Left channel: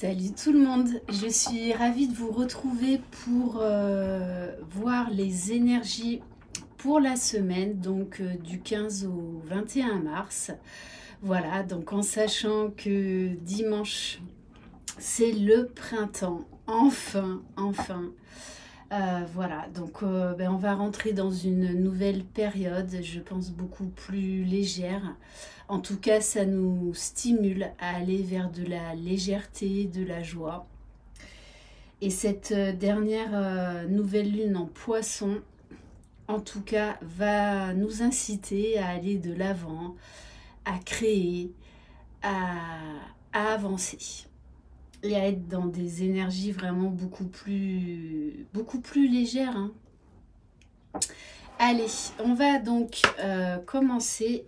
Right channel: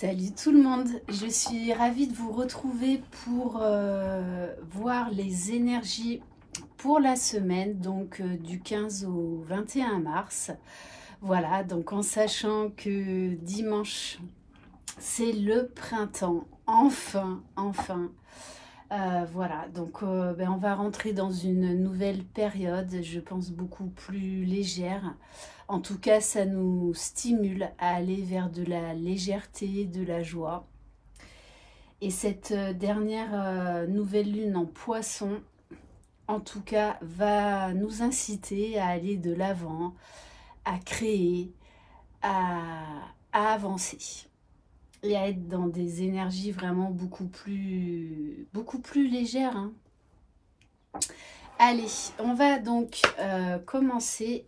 Salut tout le monde, je suis ravie de vous retrouver pour voir les énergies pour la semaine, donc du 15 au 21 mars. Voilà, donc en sachant que dimanche, c'est le printemps, enfin. Voilà, donc on va rentrer dans une nouvelle période, je pense beaucoup plus légère. En tout cas, ça nous stimule à aller vers de la légèreté, de la joie. Et cette dernière nouvelle lune en poisson, en tout cas, va nous inciter à aller de l'avant, à créer, à avancer. Et à être dans des énergies vraiment beaucoup plus légères. Hein. Allez, on va donc commencer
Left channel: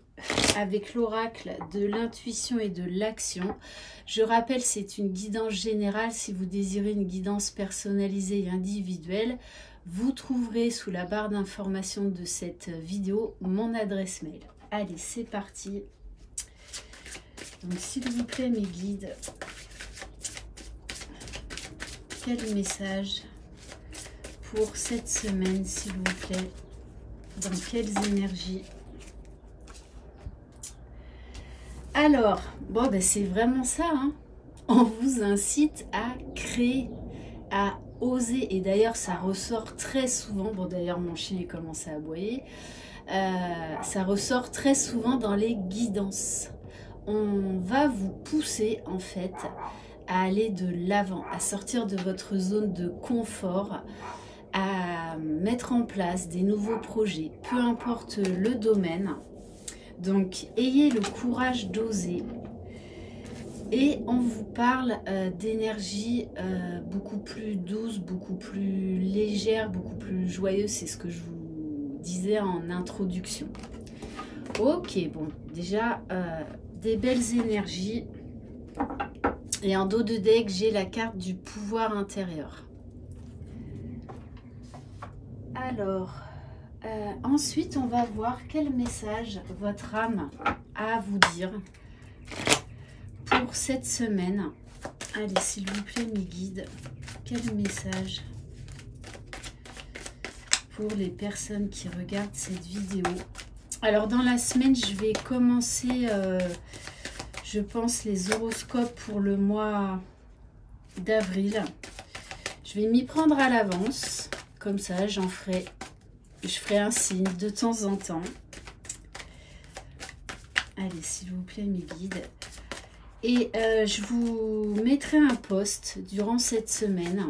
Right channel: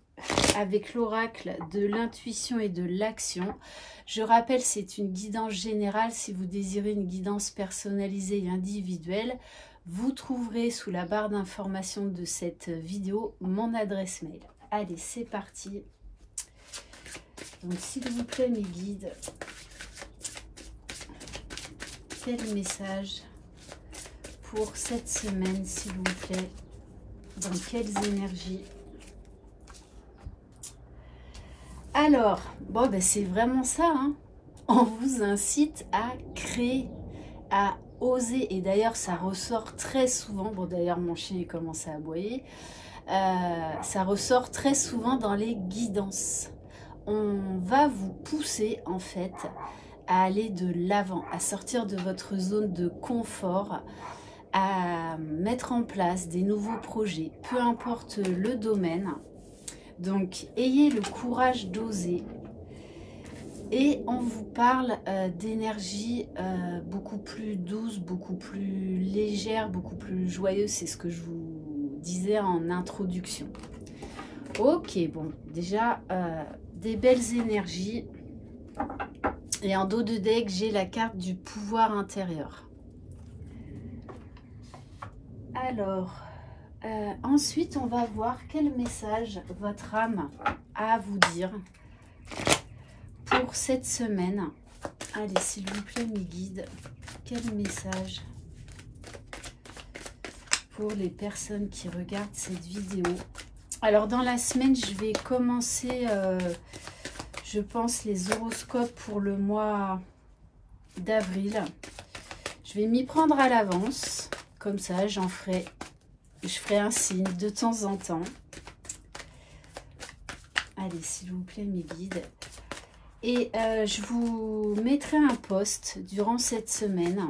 avec l'oracle de l'intuition et de l'action. Je rappelle, c'est une guidance générale. Si vous désirez une guidance personnalisée et individuelle, vous trouverez sous la barre d'information de cette vidéo mon adresse mail. Allez, c'est parti. Donc, s'il vous plaît, mes guides, quel message pour cette semaine, s'il vous plaît? Dans quelles énergies? Alors, bon, ben c'est vraiment ça. Hein. On vous incite à créer, à oser. Et d'ailleurs, ça ressort très souvent. Bon, d'ailleurs, mon chien il commence à aboyer. Ça ressort très souvent dans les guidances. On va vous pousser, en fait, à aller de l'avant, à sortir de votre zone de confort, à mettre en place des nouveaux projets, peu importe le domaine. Donc, ayez le courage d'oser. Et on vous parle d'énergie beaucoup plus douce, beaucoup plus légère, beaucoup plus joyeuse. C'est ce que je vous disais en introduction. Ok, bon, déjà, des belles énergies. Et en dos de deck, j'ai la carte du pouvoir intérieur. Alors, ensuite, on va voir quel message votre âme a à vous dire pour cette semaine. Allez, s'il vous plaît, mes guides, quel message pour les personnes qui regardent cette vidéo. Alors, dans la semaine, je vais commencer, je pense, les horoscopes pour le mois d'avril. Je vais m'y prendre à l'avance. Comme ça, je ferai un signe de temps en temps. Allez, s'il vous plaît, mes guides. Et je vous mettrai un post durant cette semaine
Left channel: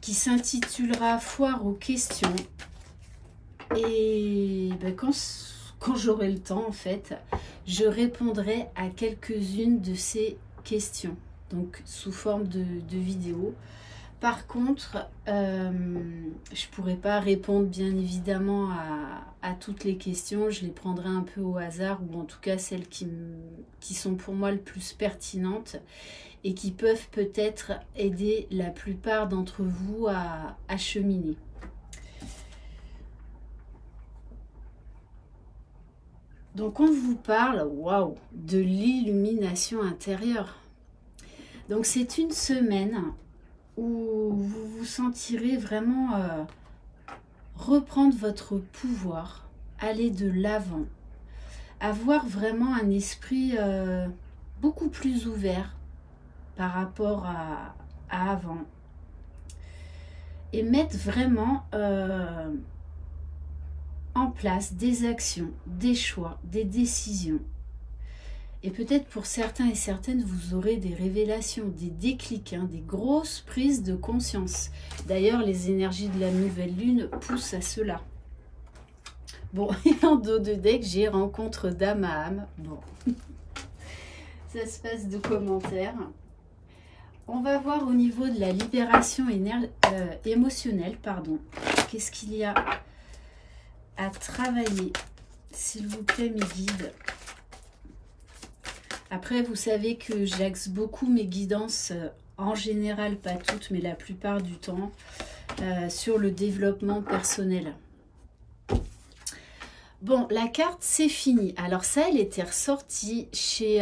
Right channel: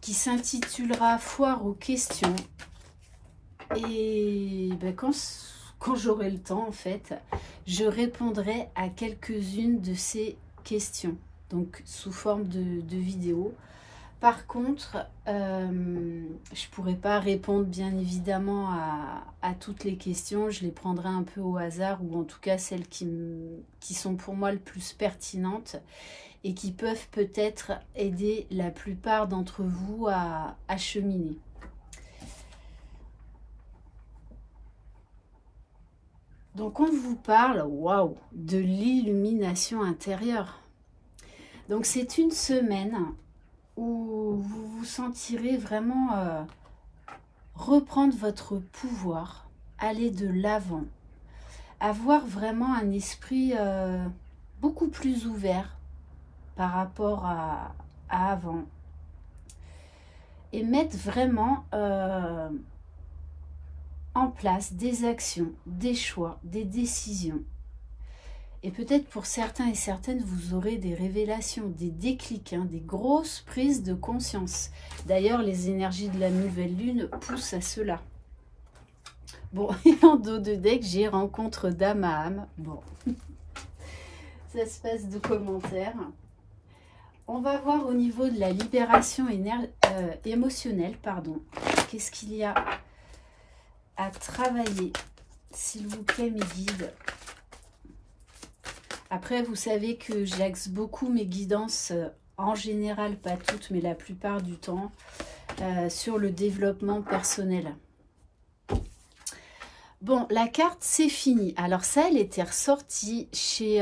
qui s'intitulera Foire aux questions. Et ben, quand j'aurai le temps, en fait, je répondrai à quelques-unes de ces questions. Donc, sous forme de vidéo. Par contre, je ne pourrai pas répondre bien évidemment à toutes les questions. Je les prendrai un peu au hasard, ou en tout cas celles qui sont pour moi le plus pertinentes et qui peuvent peut-être aider la plupart d'entre vous à cheminer. Donc on vous parle, waouh, de l'illumination intérieure. Donc c'est une semaine où vous vous sentirez vraiment reprendre votre pouvoir, aller de l'avant, avoir vraiment un esprit beaucoup plus ouvert par rapport à avant, et mettre vraiment en place des actions, des choix, des décisions. Et peut-être pour certains et certaines, vous aurez des révélations, des déclics, hein, des grosses prises de conscience. D'ailleurs, les énergies de la nouvelle lune poussent à cela. Bon, et en dos de deck, j'ai rencontre d'âme à âme. Bon, ça se passe de commentaires. On va voir au niveau de la libération émotionnelle, pardon. Qu'est-ce qu'il y a à travailler, s'il vous plaît, mes guides? Après, vous savez que j'axe beaucoup mes guidances, en général, pas toutes, mais la plupart du temps, sur le développement personnel. Bon, la carte, c'est fini. Alors ça, elle était ressortie chez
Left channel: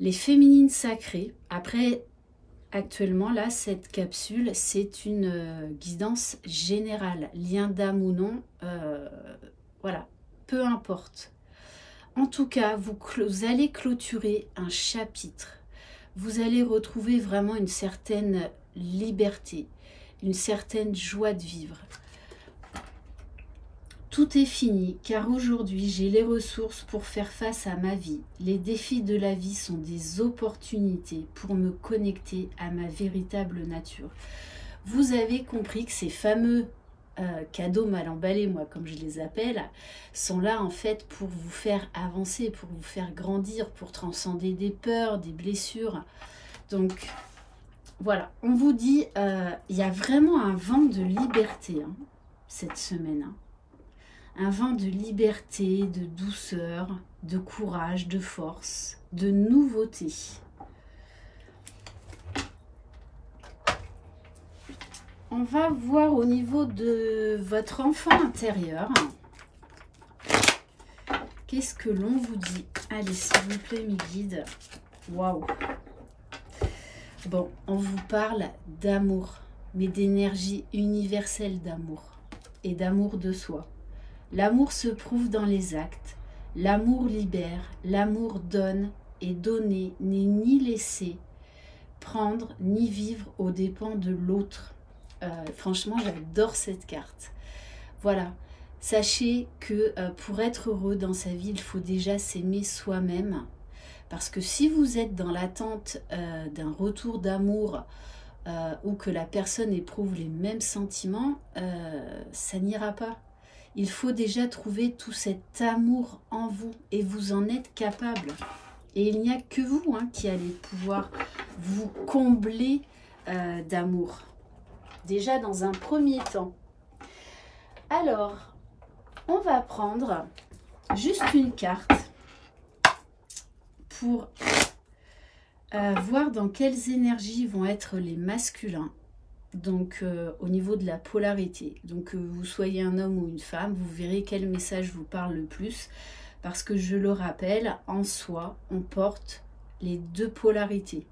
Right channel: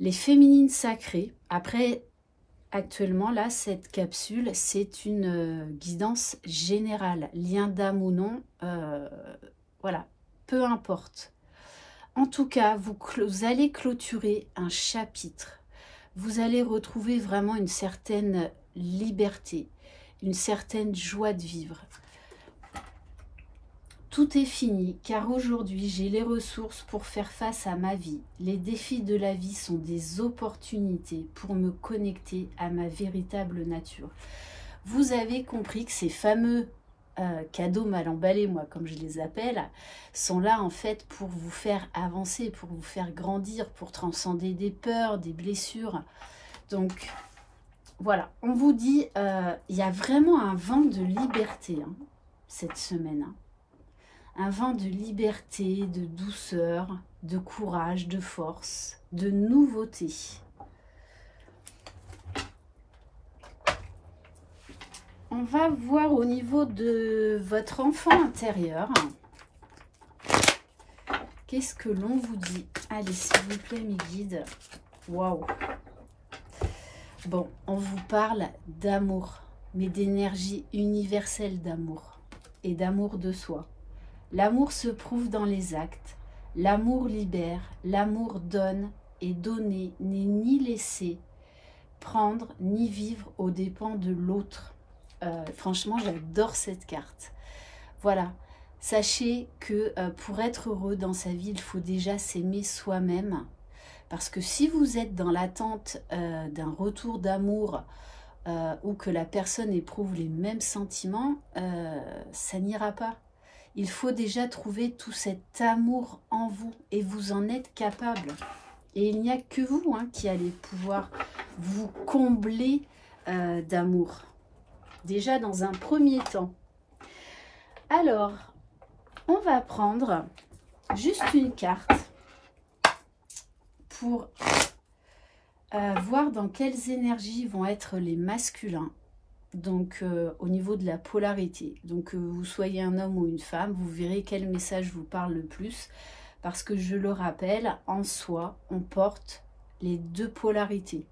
Les féminines sacrées. Après, actuellement, là, cette capsule, c'est une guidance générale. Lien d'âme ou non, voilà, peu importe. En tout cas, vous allez clôturer un chapitre. Vous allez retrouver vraiment une certaine liberté, une certaine joie de vivre. Tout est fini, car aujourd'hui, j'ai les ressources pour faire face à ma vie. Les défis de la vie sont des opportunités pour me connecter à ma véritable nature. Vous avez compris que ces fameux cadeaux mal emballés, moi, comme je les appelle, sont là, en fait, pour vous faire avancer, pour vous faire grandir, pour transcender des peurs, des blessures. Donc, voilà, on vous dit, il y a vraiment un vent de liberté hein, cette semaine. Hein. Un vent de liberté, de douceur, de courage, de force, de nouveauté. On va voir au niveau de votre enfant intérieur. Qu'est-ce que l'on vous dit? Allez, s'il vous plaît, mes guides. Waouh! Bon, on vous parle d'amour, mais d'énergie universelle d'amour et d'amour de soi. L'amour se prouve dans les actes. L'amour libère, l'amour donne, et donner n'est ni laisser prendre, ni vivre aux dépens de l'autre. Franchement, j'adore cette carte. Voilà, sachez que pour être heureux dans sa vie, il faut déjà s'aimer soi-même. Parce que si vous êtes dans l'attente d'un retour d'amour ou que la personne éprouve les mêmes sentiments, ça n'ira pas. Il faut déjà trouver tout cet amour en vous et vous en êtes capable. Et il n'y a que vous hein, qui allez pouvoir vous combler d'amour. Déjà dans un premier temps. Alors, on va prendre juste une carte pour voir dans quelles énergies vont être les masculins. Donc au niveau de la polarité, donc vous soyez un homme ou une femme, vous verrez quel message vous parle le plus, parce que je le rappelle, en soi, on porte les deux polarités,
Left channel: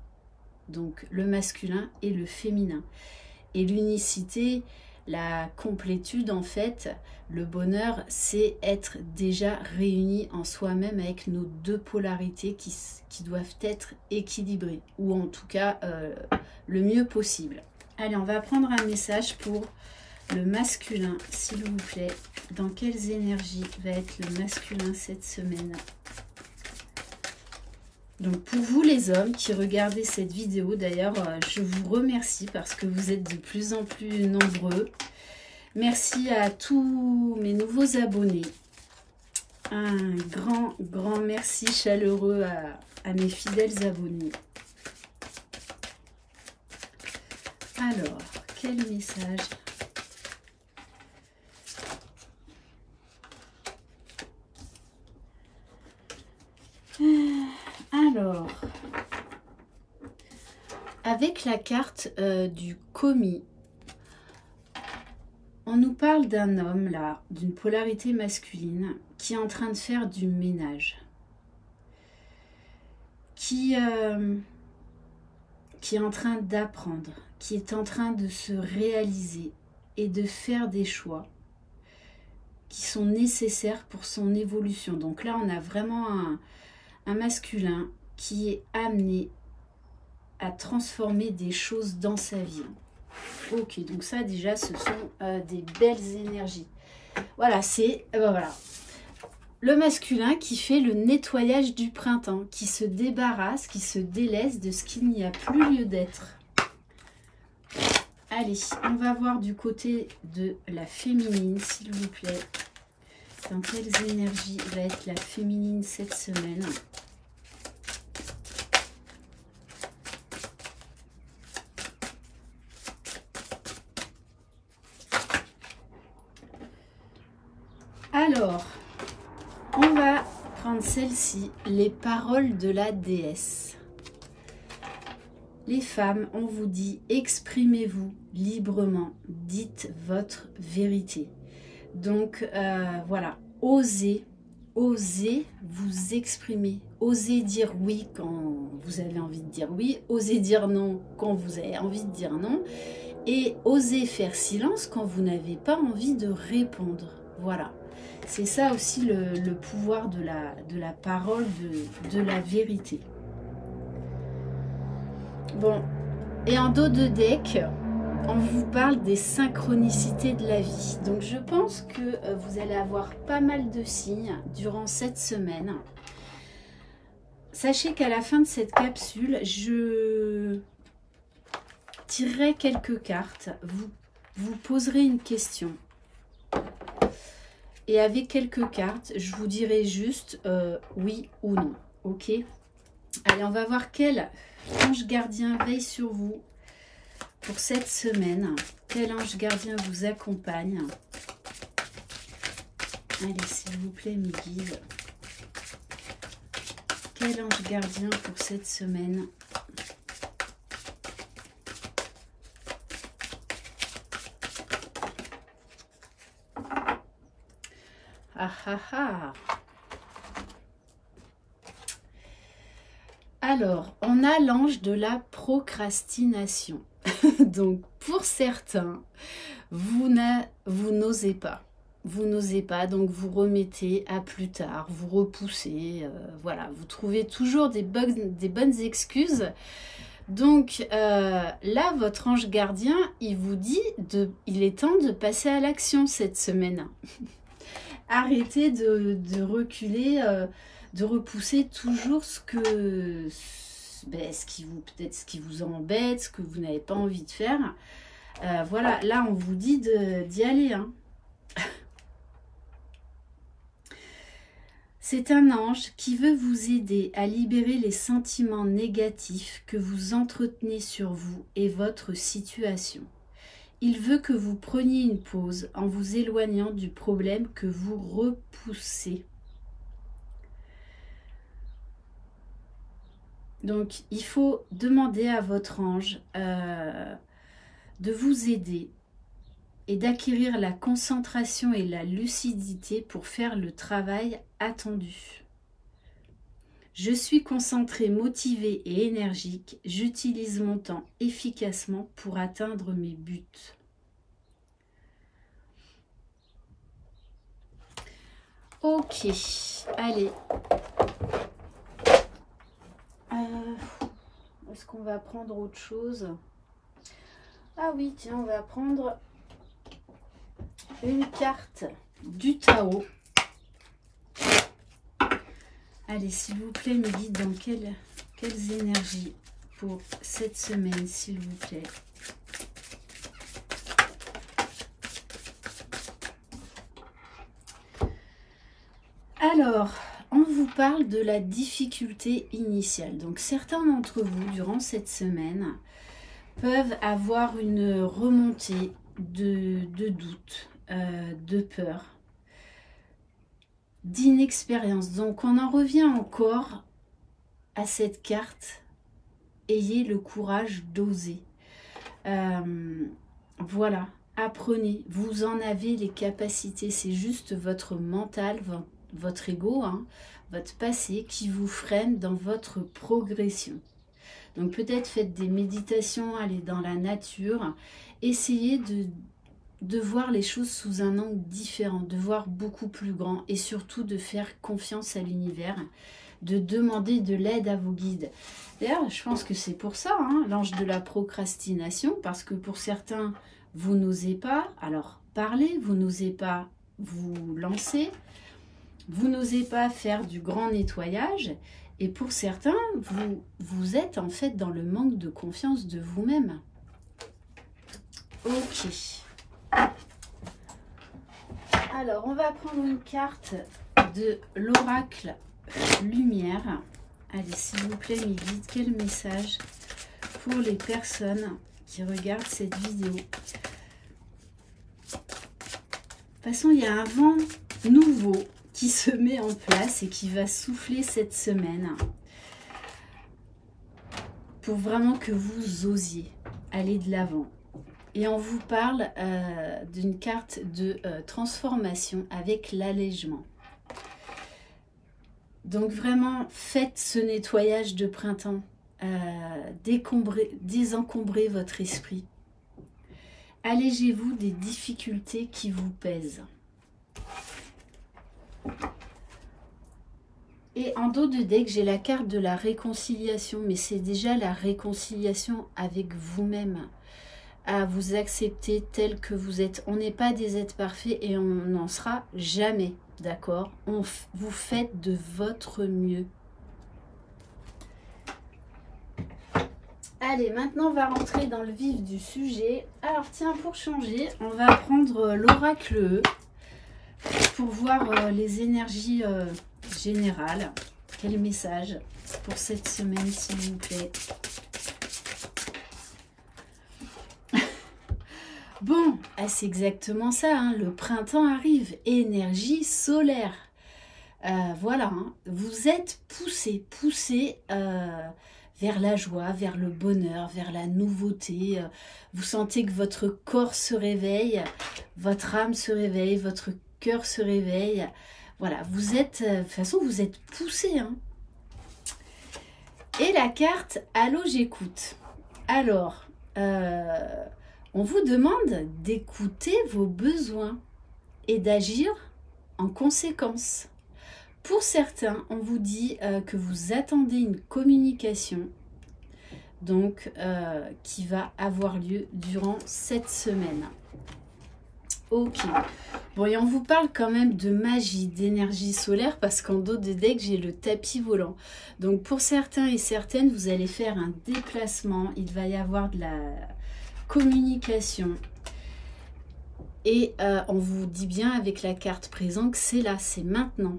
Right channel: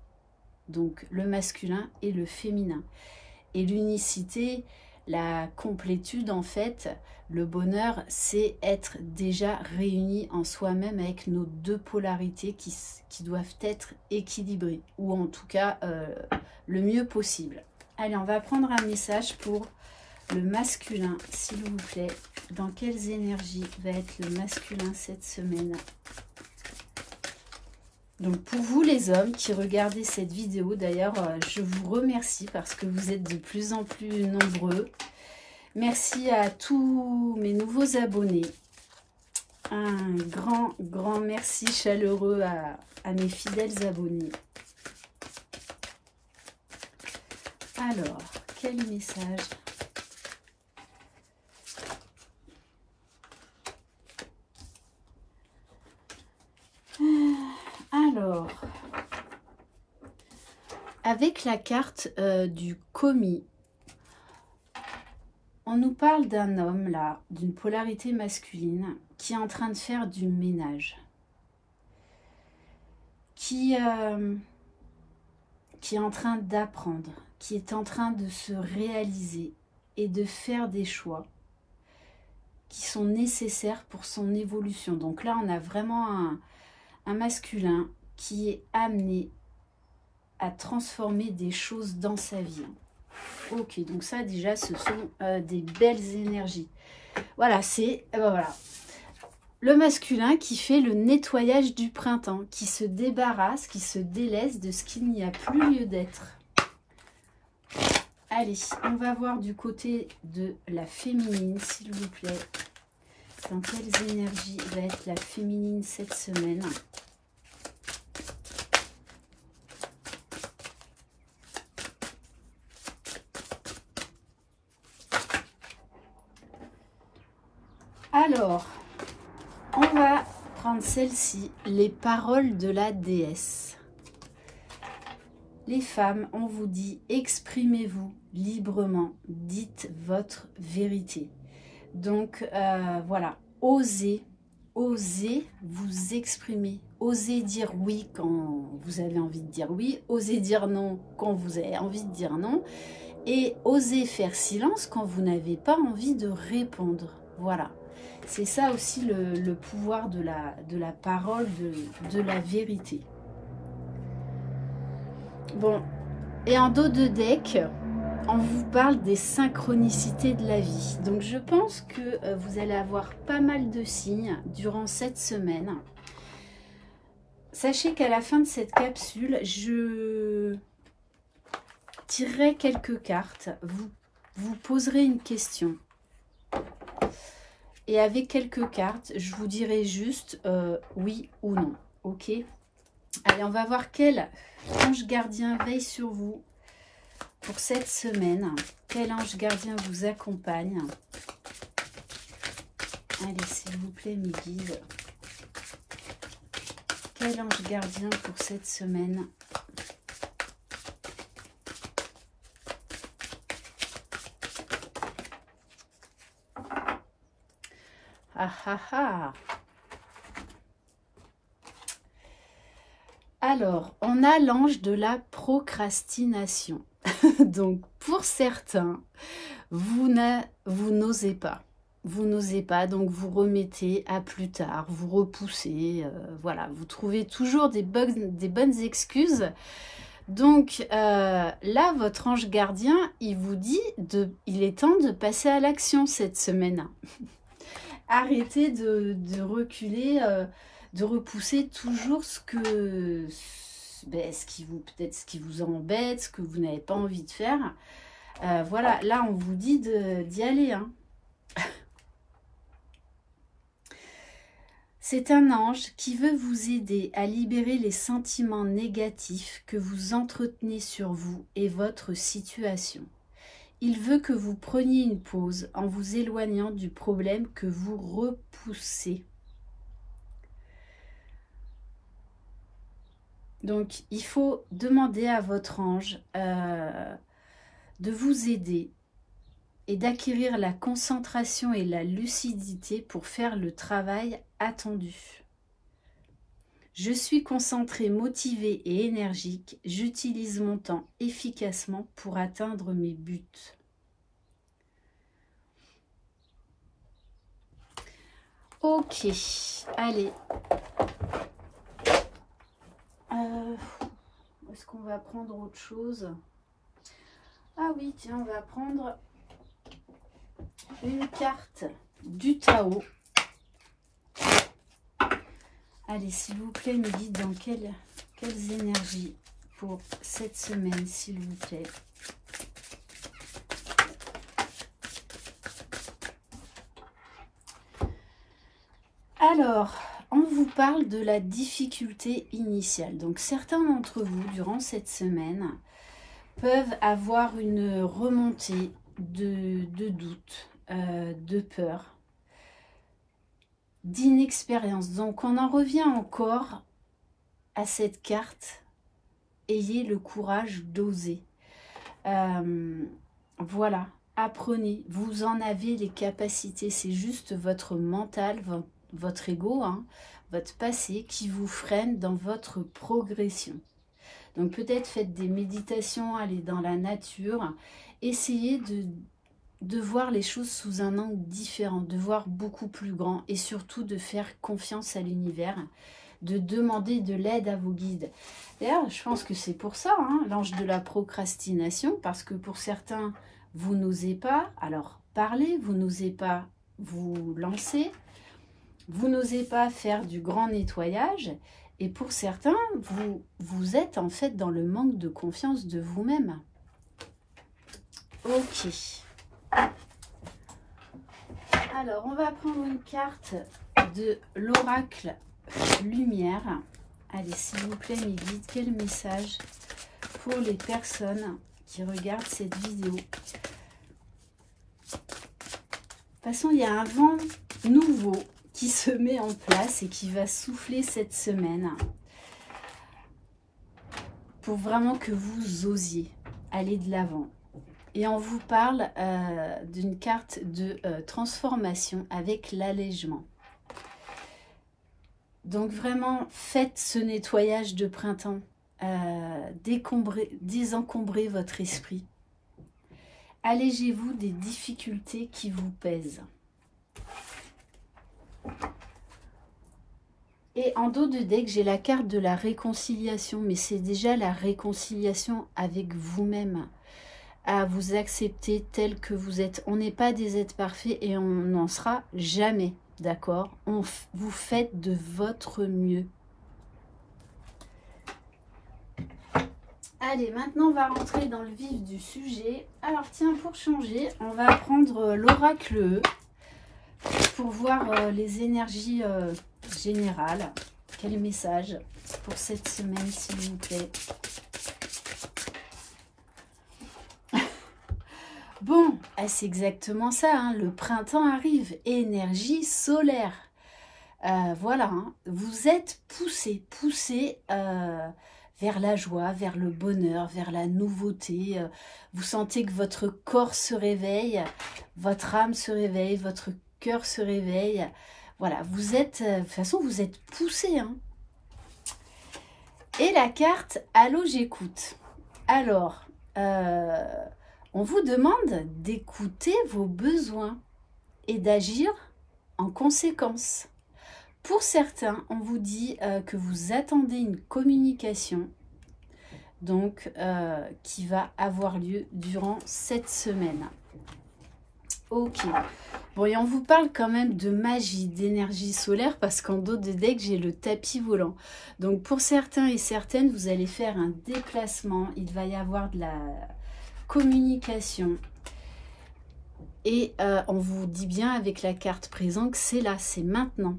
donc le masculin et le féminin. Et l'unicité, la complétude en fait, le bonheur, c'est être déjà réuni en soi-même avec nos deux polarités qui doivent être équilibrées, ou en tout cas le mieux possible. Allez, on va prendre un message pour le masculin, s'il vous plaît. Dans quelles énergies va être le masculin cette semaine? Donc, pour vous les hommes qui regardez cette vidéo, d'ailleurs, je vous remercie parce que vous êtes de plus en plus nombreux. Merci à tous mes nouveaux abonnés. Un grand merci chaleureux à mes fidèles abonnés. Alors, quel message? Alors, avec la carte du commis, on nous parle d'un homme là, d'une polarité masculine, qui est en train de faire du ménage. Qui est en train d'apprendre, qui est en train de se réaliser et de faire des choix qui sont nécessaires pour son évolution. Donc là, on a vraiment un masculin qui est amené à transformer des choses dans sa vie. Ok, donc ça déjà, ce sont des belles énergies. Voilà, c'est voilà. Le masculin qui fait le nettoyage du printemps, qui se débarrasse, qui se délaisse de ce qu'il n'y a plus lieu d'être. Allez, on va voir du côté de la féminine, s'il vous plaît. Dans quelles énergies va être la féminine cette semaine? Alors, on va prendre celle-ci, les paroles de la déesse. Les femmes, on vous dit, exprimez-vous librement, dites votre vérité. Donc, voilà, osez vous exprimer, osez dire oui quand vous avez envie de dire oui, osez dire non quand vous avez envie de dire non, et osez faire silence quand vous n'avez pas envie de répondre. Voilà, c'est ça aussi le pouvoir de la parole, de la vérité. Bon, et en dos de deck, on vous parle des synchronicités de la vie. Donc je pense que vous allez avoir pas mal de signes durant cette semaine. Sachez qu'à la fin de cette capsule, je tirerai quelques cartes. Vous poserez une question. Et avec quelques cartes, je vous dirai juste oui ou non. Ok? Allez, on va voir quel ange gardien veille sur vous pour cette semaine. Quel ange gardien vous accompagne? Allez, s'il vous plaît, mes guides. Quel ange gardien pour cette semaine? Ah ah ah! Alors, on a l'ange de la procrastination. Donc, pour certains, vous n'osez pas. Vous n'osez pas, donc vous remettez à plus tard, vous repoussez, voilà, vous trouvez toujours des bonnes excuses. Donc là, votre ange gardien, il vous dit il est temps de passer à l'action cette semaine. Arrêtez de reculer, de repousser toujours peut-être ce qui vous embête, ce que vous n'avez pas envie de faire. Voilà, là on vous dit d'y aller, hein. C'est un ange qui veut vous aider à libérer les sentiments négatifs que vous entretenez sur vous et votre situation. Il veut que vous preniez une pause en vous éloignant du problème que vous repoussez. Donc, il faut demander à votre ange de vous aider et d'acquérir la concentration et la lucidité pour faire le travail attendu. Je suis concentré, motivé et énergique. J'utilise mon temps efficacement pour atteindre mes buts. Ok, allez. Est-ce qu'on va prendre autre chose? Ah oui, tiens, on va prendre une carte du Tao. Allez, s'il vous plaît, mes guides, dans quelles énergies pour cette semaine, s'il vous plaît? Alors, on vous parle de la difficulté initiale. Donc, certains d'entre vous, durant cette semaine, peuvent avoir une remontée de doute, de peur, d'inexpérience. Donc, on en revient encore à cette carte. Ayez le courage d'oser. Voilà, apprenez. Vous en avez les capacités. C'est juste votre mental, votre ego, hein, votre passé qui vous freine dans votre progression. Donc, peut-être faites des méditations, allez dans la nature. Essayez de voir les choses sous un angle différent, de voir beaucoup plus grand et surtout de faire confiance à l'univers, de demander de l'aide à vos guides. D'ailleurs, je pense que c'est pour ça, hein, l'ange de la procrastination, parce que pour certains, vous n'osez pas, alors parlez, vous n'osez pas vous lancer, vous n'osez pas faire du grand nettoyage, et pour certains, vous êtes en fait dans le manque de confiance de vous-même. Ok. Alors, on va prendre une carte de l'oracle lumière. Allez, s'il vous plaît, mes guides, quel message pour les personnes qui regardent cette vidéo? De toute façon, il y a un vent nouveau qui se met en place et qui va souffler cette semaine pour vraiment que vous osiez aller de l'avant. Et on vous parle d'une carte de transformation avec l'allègement. Donc vraiment, faites ce nettoyage de printemps. Désencombrez votre esprit. Allégez-vous des difficultés qui vous pèsent. Et en dos de deck, j'ai la carte de la réconciliation, mais c'est déjà la réconciliation avec vous-même, à vous accepter tel que vous êtes. On n'est pas des êtres parfaits et on n'en sera jamais, d'accord? Vous faites de votre mieux. Allez, maintenant on va rentrer dans le vif du sujet. Alors tiens, pour changer, on va prendre l'oracle E pour voir les énergies générales. Quel message pour cette semaine, s'il vous plaît? Bon, c'est exactement ça, hein, le printemps arrive, énergie solaire. Voilà, hein, vous êtes poussé vers la joie, vers le bonheur, vers la nouveauté. Vous sentez que votre corps se réveille, votre âme se réveille, votre cœur se réveille. Voilà, vous êtes, de toute façon, vous êtes poussé. Hein. Et la carte « Allô, j'écoute ». Alors, on vous demande d'écouter vos besoins et d'agir en conséquence. Pour certains, on vous dit que vous attendez une communication donc qui va avoir lieu durant cette semaine. Ok. Bon, et on vous parle quand même de magie, d'énergie solaire parce qu'en dos de deck, j'ai le tapis volant. Donc, pour certains et certaines, vous allez faire un déplacement. Il va y avoir de la communication. Et on vous dit bien avec la carte présent que c'est là, c'est maintenant.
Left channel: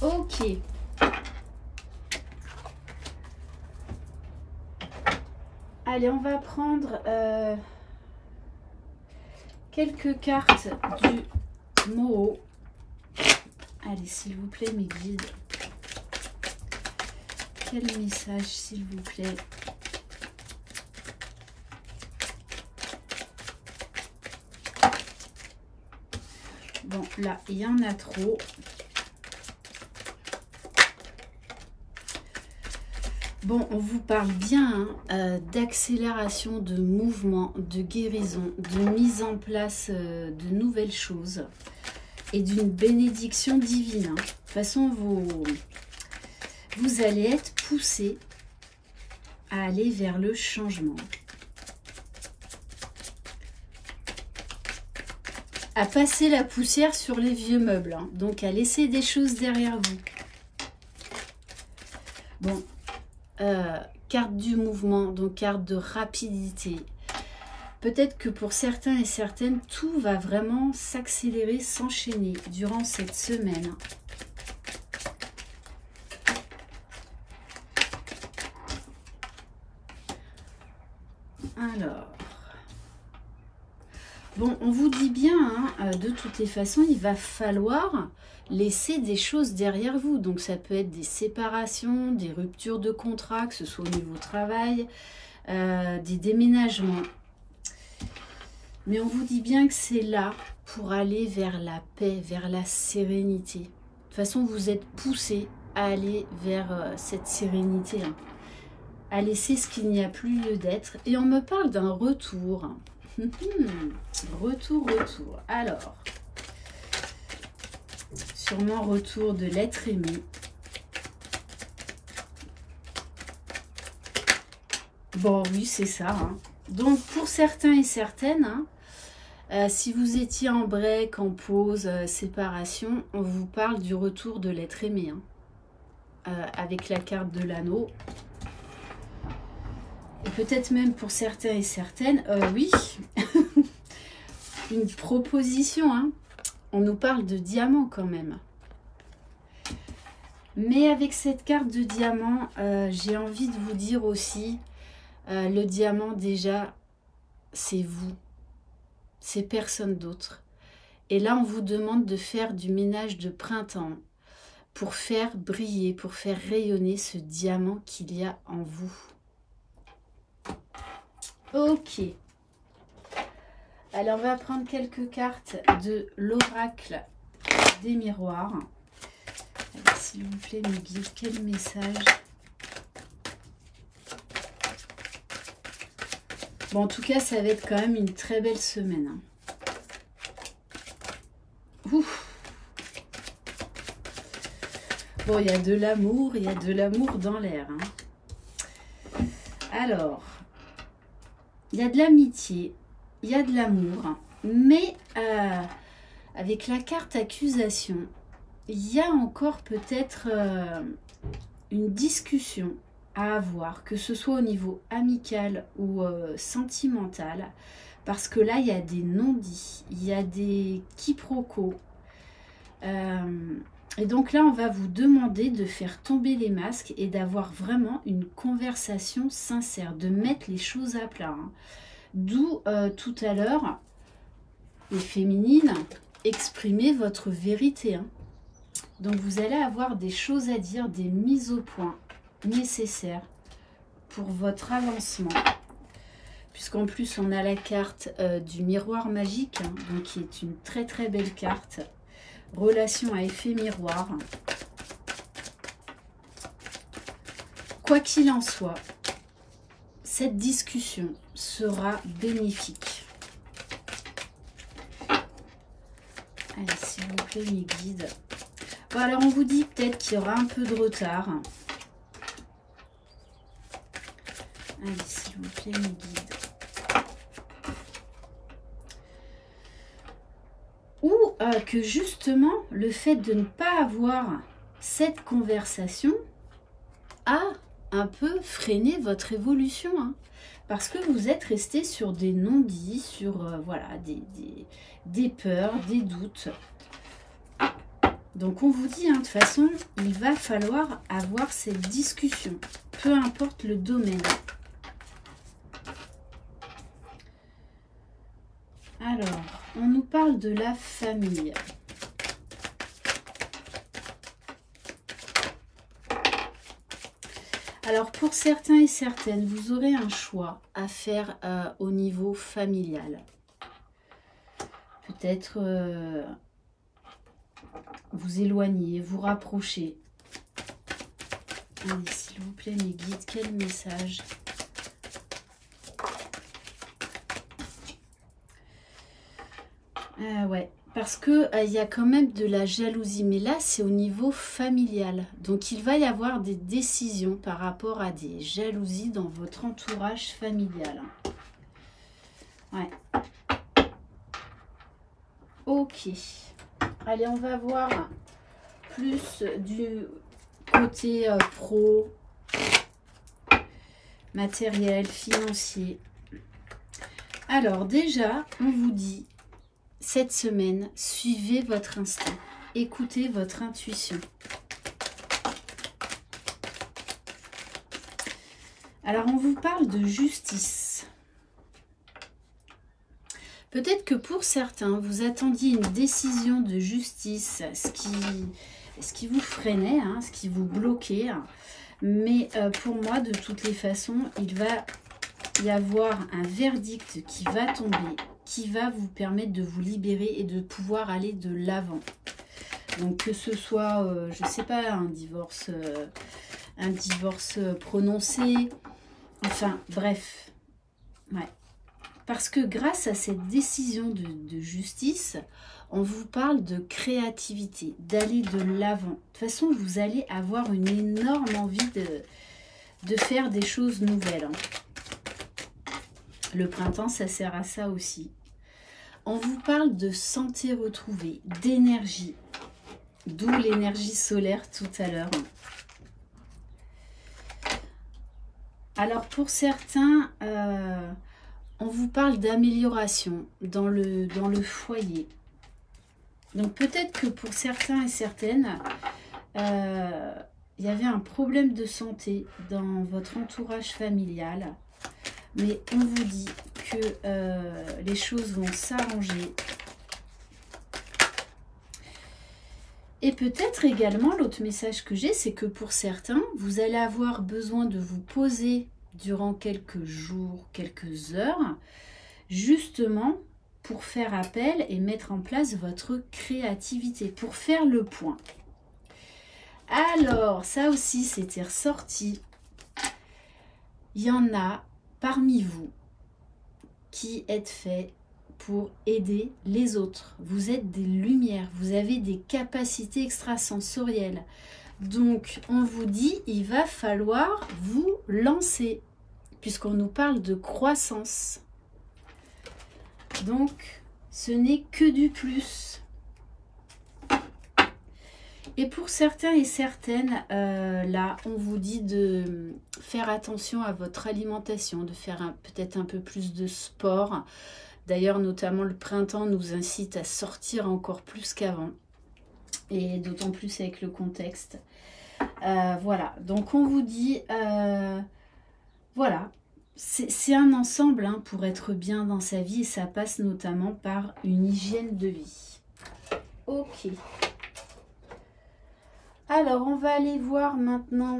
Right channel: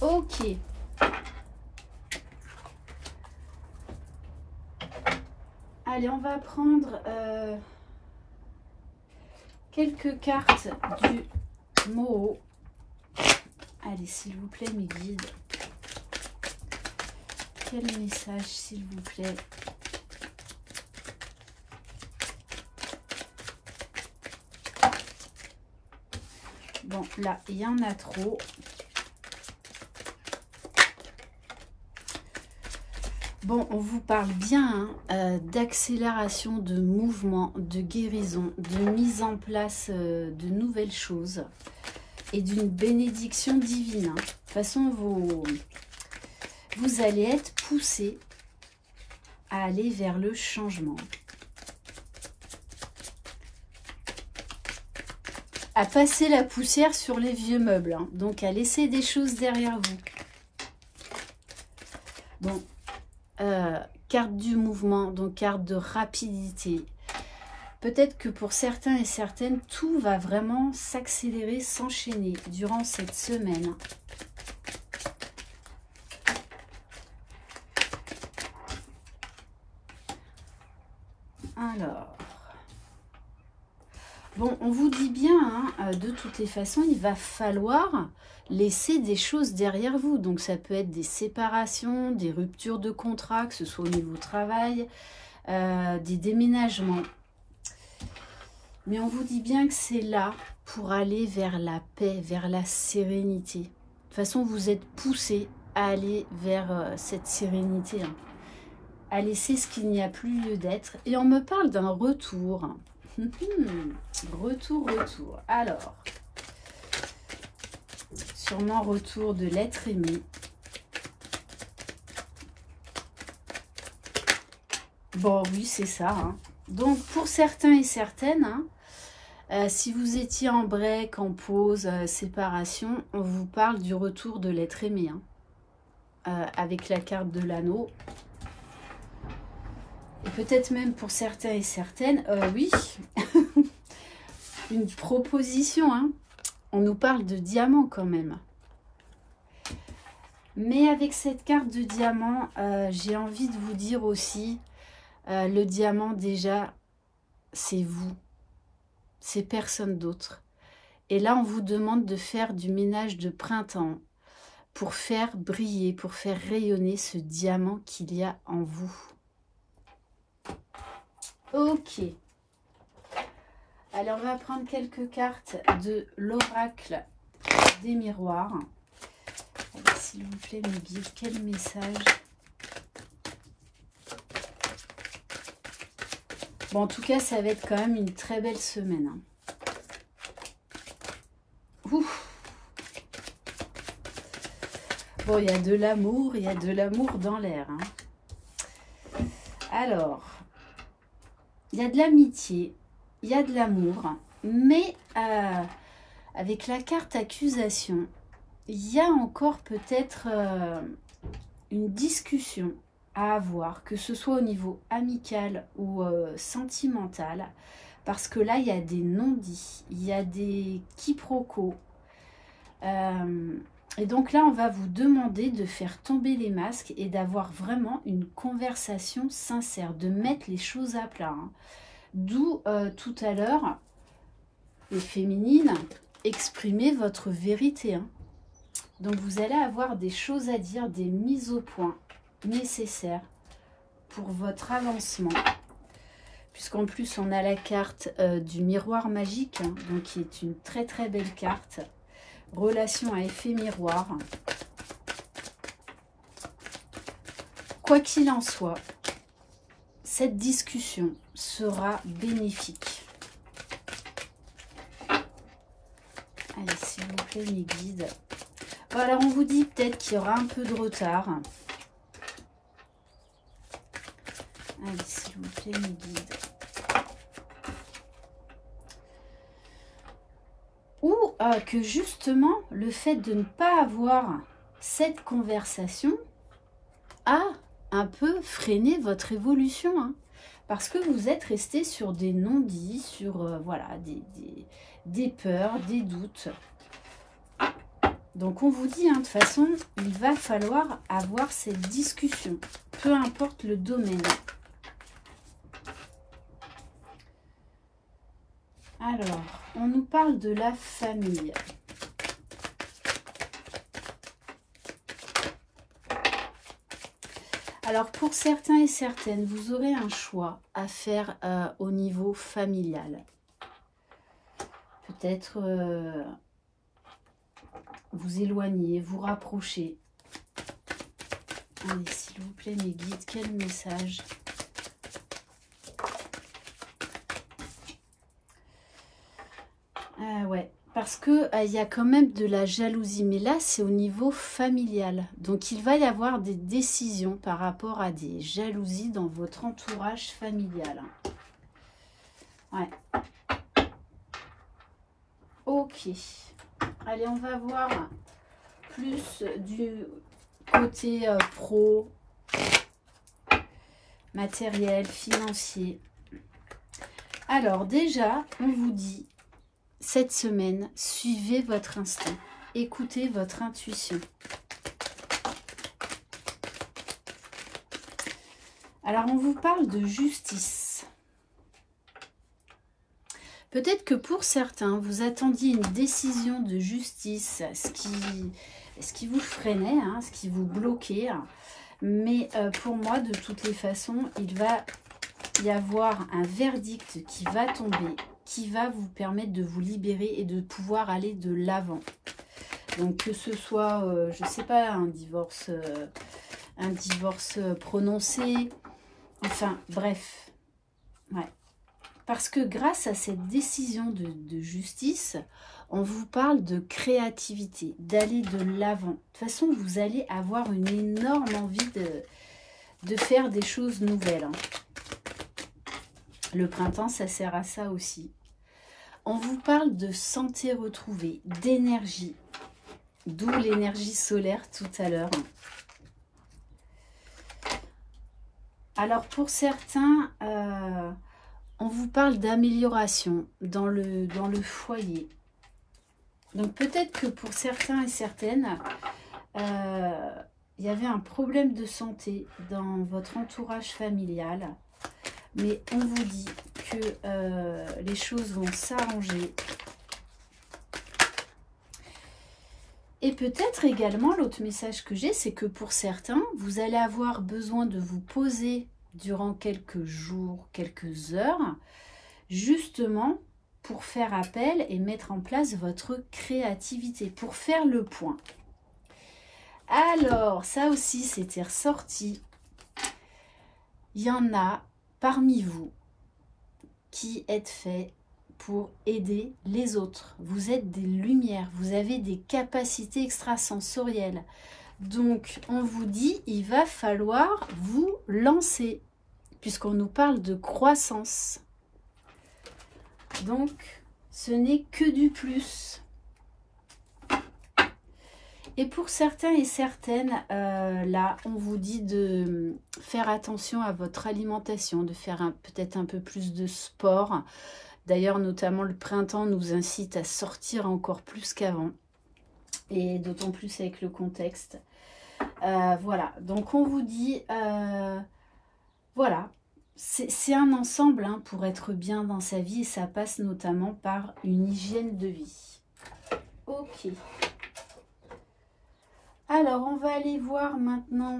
Ok. Allez, on va prendre quelques cartes du Moho. Allez, s'il vous plaît, mes guides. Quel message, s'il vous plaît? Bon, là, il y en a trop. Bon, on vous parle bien hein, d'accélération, de mouvement, de guérison, de mise en place de nouvelles choses et d'une bénédiction divine. Hein. De toute façon, vous allez être poussé à aller vers le changement. À passer la poussière sur les vieux meubles. Hein. Donc, à laisser des choses derrière vous. Bon. Carte du mouvement, donc carte de rapidité. Peut-être que pour certains et certaines, tout va vraiment s'accélérer, s'enchaîner durant cette semaine. Alors, bon, on vous dit bien, hein, de toutes les façons, il va falloir laisser des choses derrière vous. Donc, ça peut être des séparations, des ruptures de contrat, que ce soit au niveau du travail, des déménagements. Mais on vous dit bien que c'est là pour aller vers la paix, vers la sérénité. De toute façon, vous êtes poussé à aller vers cette sérénité, hein, à laisser ce qu'il n'y a plus lieu d'être. Et on me parle d'un retour. Retour. Alors... sûrement retour de l'être aimé. Bon, oui, c'est ça. Hein. Donc, pour certains et certaines, hein, si vous étiez en break, en pause, séparation, on vous parle du retour de l'être aimé. Hein, avec la carte de l'anneau. Et peut-être même pour certains et certaines, oui, une proposition, hein. On nous parle de diamant quand même. Mais avec cette carte de diamant, j'ai envie de vous dire aussi, le diamant déjà, c'est vous. C'est personne d'autre. Et là, on vous demande de faire du ménage de printemps pour faire briller, pour faire rayonner ce diamant qu'il y a en vous. Ok. Alors, on va prendre quelques cartes de l'oracle des miroirs. s'il vous plaît, mes guides, quel message? Bon, en tout cas, ça va être quand même une très belle semaine. Hein. Ouf. Bon, il y a de l'amour, il y a de l'amour dans l'air. Hein. Alors, il y a de l'amitié, il y a de l'amour, mais avec la carte accusation, il y a encore peut-être une discussion à avoir, que ce soit au niveau amical ou sentimental, parce que là, il y a des non-dits, il y a des quiproquos. Et donc là, on va vous demander de faire tomber les masques et d'avoir vraiment une conversation sincère, de mettre les choses à plat. Hein. D'où tout à l'heure, les féminines, exprimez votre vérité. Hein. Donc vous allez avoir des choses à dire, des mises au point nécessaires pour votre avancement. Puisqu'en plus, on a la carte du miroir magique, hein, donc qui est une très très belle carte. Relation à effet miroir. Quoi qu'il en soit, cette discussion sera bénéfique. Allez, s'il vous plaît, mes guides. Bon, alors, on vous dit peut-être qu'il y aura un peu de retard. Allez, s'il vous plaît, mes guides. Ou que justement, le fait de ne pas avoir cette conversation a un peu freiné votre évolution. Hein, parce que vous êtes resté sur des non-dits, sur voilà, des peurs, des doutes. Donc on vous dit, hein, de toute façon, il va falloir avoir cette discussion, peu importe le domaine. Alors, on nous parle de la famille. Alors, pour certains et certaines, vous aurez un choix à faire au niveau familial. Peut-être vous éloigner, vous rapprocher. Allez, s'il vous plaît, mes guides, quel message? Ouais, parce que il y a quand même de la jalousie, mais là c'est au niveau familial. Donc il va y avoir des décisions par rapport à des jalousies dans votre entourage familial. Ouais. Ok. Allez, on va voir plus du côté pro, matériel, financier. Alors déjà, on vous dit, cette semaine, suivez votre instinct, écoutez votre intuition. Alors, on vous parle de justice. Peut-être que pour certains, vous attendiez une décision de justice, ce qui vous freinait, hein, ce qui vous bloquait. Mais pour moi, de toutes les façons, il va y avoir un verdict qui va tomber, qui va vous permettre de vous libérer et de pouvoir aller de l'avant. Donc que ce soit, je ne sais pas, un divorce prononcé, enfin bref. Ouais. Parce que grâce à cette décision de justice, on vous parle de créativité, d'aller de l'avant. De toute façon, vous allez avoir une énorme envie de faire des choses nouvelles. Hein. Le printemps, ça sert à ça aussi. On vous parle de santé retrouvée, d'énergie, d'où l'énergie solaire tout à l'heure. Alors pour certains, on vous parle d'amélioration dans le foyer. Donc peut-être que pour certains et certaines, il y avait un problème de santé dans votre entourage familial. Mais on vous dit que les choses vont s'arranger. Et peut-être également, l'autre message que j'ai, c'est que pour certains, vous allez avoir besoin de vous poser durant quelques jours, quelques heures, justement pour faire appel et mettre en place votre créativité, pour faire le point. Alors, ça aussi, c'était ressorti. Il y en a parmi vous qui êtes faits pour aider les autres. Vous êtes des lumières, vous avez des capacités extrasensorielles. Donc, on vous dit, il va falloir vous lancer, puisqu'on nous parle de croissance. Donc, ce n'est que du plus. Et pour certains et certaines, là, on vous dit de faire attention à votre alimentation, de faire peut-être un peu plus de sport. D'ailleurs, notamment le printemps nous incite à sortir encore plus qu'avant. Et d'autant plus avec le contexte. Voilà, donc on vous dit, voilà, c'est un ensemble hein, pour être bien dans sa vie. Et ça passe notamment par une hygiène de vie. Ok. Alors, on va aller voir maintenant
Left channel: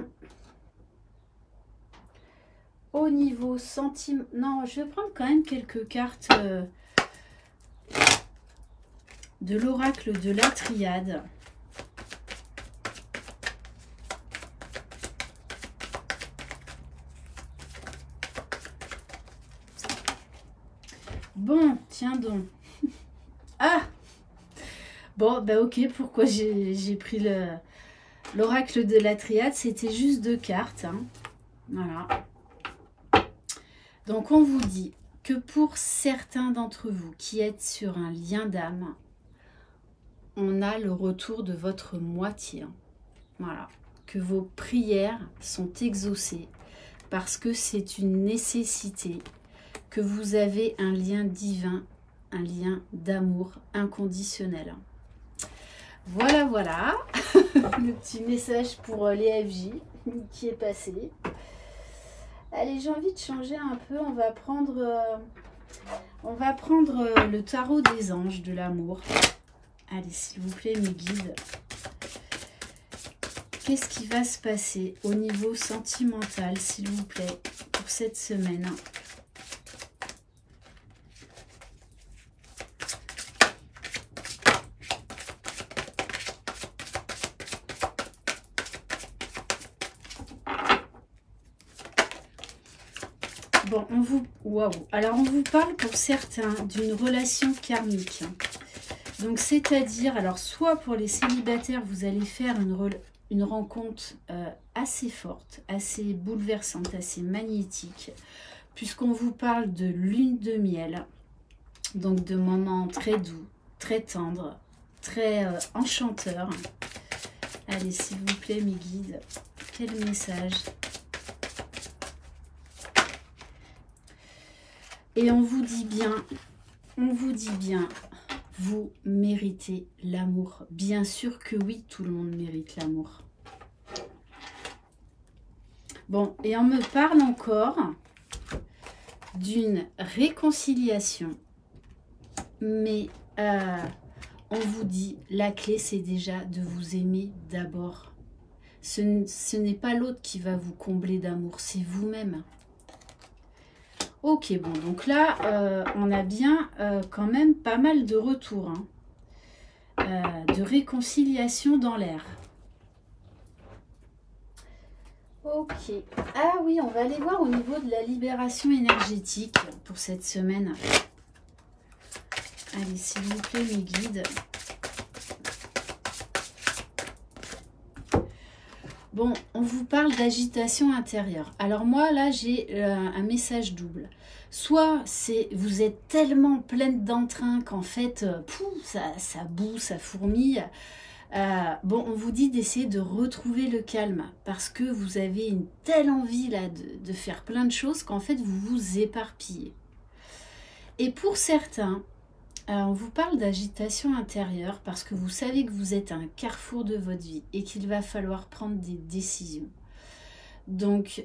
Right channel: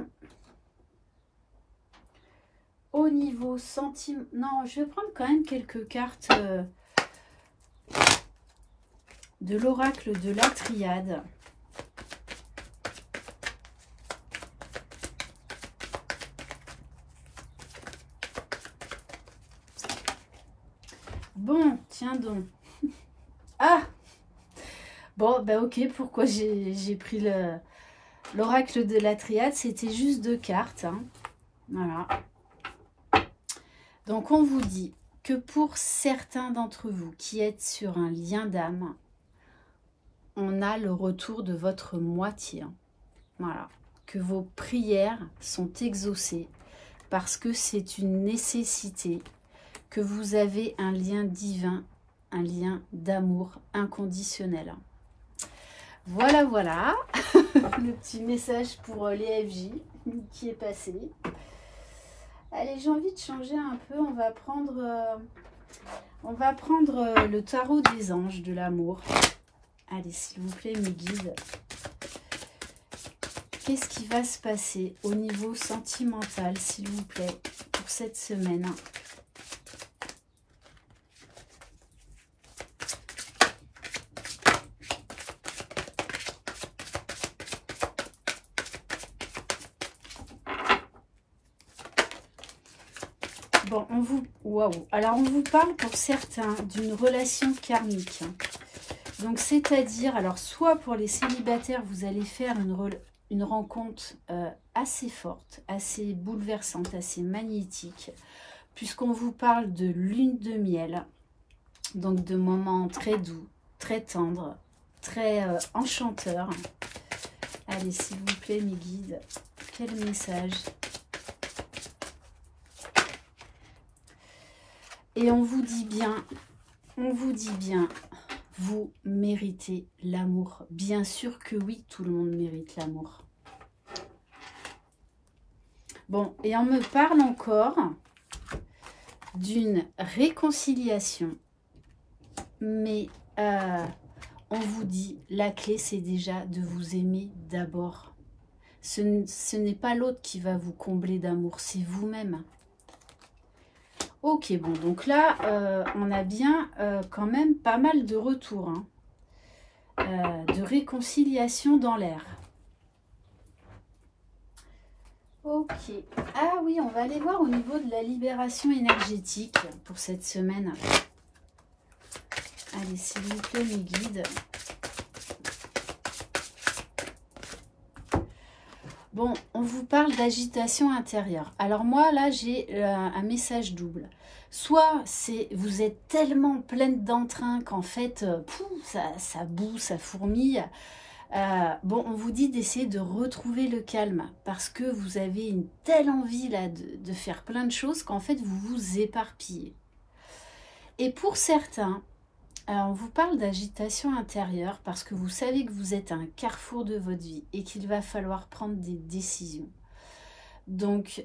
au niveau sentiment. Non, je vais prendre quand même quelques cartes de l'oracle de la triade. Bon, tiens donc. Ah! Bon, bah ok, pourquoi j'ai pris l'oracle de la triade? C'était juste 2 cartes. Hein. Voilà. Donc, on vous dit que pour certains d'entre vous qui êtes sur un lien d'âme, on a le retour de votre moitié. Hein. Voilà. Que vos prières sont exaucées parce que c'est une nécessité, que vous avez un lien divin, un lien d'amour inconditionnel. Voilà, voilà, le petit message pour les FJ qui est passé. Allez, j'ai envie de changer un peu, on va prendre le tarot des anges de l'amour. Allez, s'il vous plaît, mes guides. Qu'est-ce qui va se passer au niveau sentimental, s'il vous plaît, pour cette semaine ? Bon, alors, on vous parle pour certains d'une relation karmique. Donc, c'est-à-dire, alors, soit pour les célibataires, vous allez faire une rencontre assez forte, assez bouleversante, assez magnétique, puisqu'on vous parle de lune de miel, donc de moments très doux, très tendres, très enchanteurs. Allez, s'il vous plaît, mes guides, quel message ? Et on vous dit bien, vous méritez l'amour. Bien sûr que oui, tout le monde mérite l'amour. Bon, et on me parle encore d'une réconciliation. Mais on vous dit, la clé, c'est déjà de vous aimer d'abord. Ce n'est pas l'autre qui va vous combler d'amour, c'est vous-même. Ok, bon, donc là, on a bien quand même pas mal de retours, hein, de réconciliation dans l'air. Ok. Ah oui, on va aller voir au niveau de la libération énergétique pour cette semaine. Allez, s'il vous plaît, mes guides. Bon, on vous parle d'agitation intérieure. Alors moi, là, j'ai un message double. Soit vous êtes tellement pleine d'entrain qu'en fait, ça boue, ça fourmille. Bon, on vous dit d'essayer de retrouver le calme parce que vous avez une telle envie là de faire plein de choses qu'en fait, vous vous éparpillez. Et pour certains, on vous parle d'agitation intérieure parce que vous savez que vous êtes à un carrefour de votre vie et qu'il va falloir prendre des décisions. Donc,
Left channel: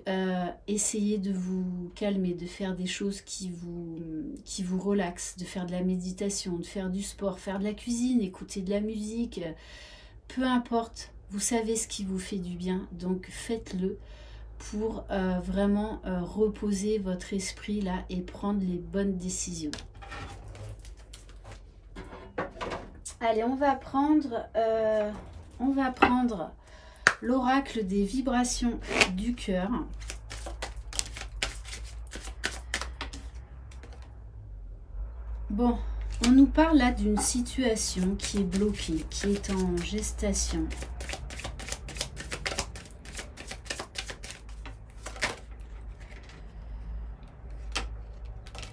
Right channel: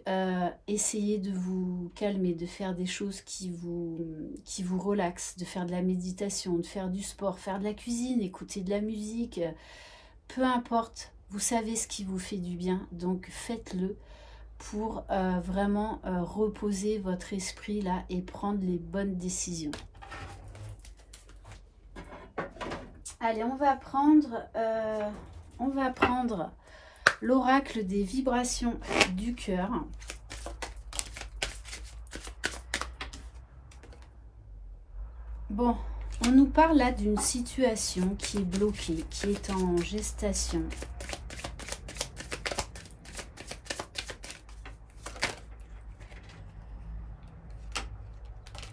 essayez de vous calmer, de faire des choses qui vous relaxent, de faire de la méditation, de faire du sport, faire de la cuisine, écouter de la musique. Peu importe, vous savez ce qui vous fait du bien, donc faites-le pour vraiment reposer votre esprit là et prendre les bonnes décisions. Allez, on va prendre l'oracle des vibrations du cœur. Bon, on nous parle là d'une situation qui est bloquée, qui est en gestation.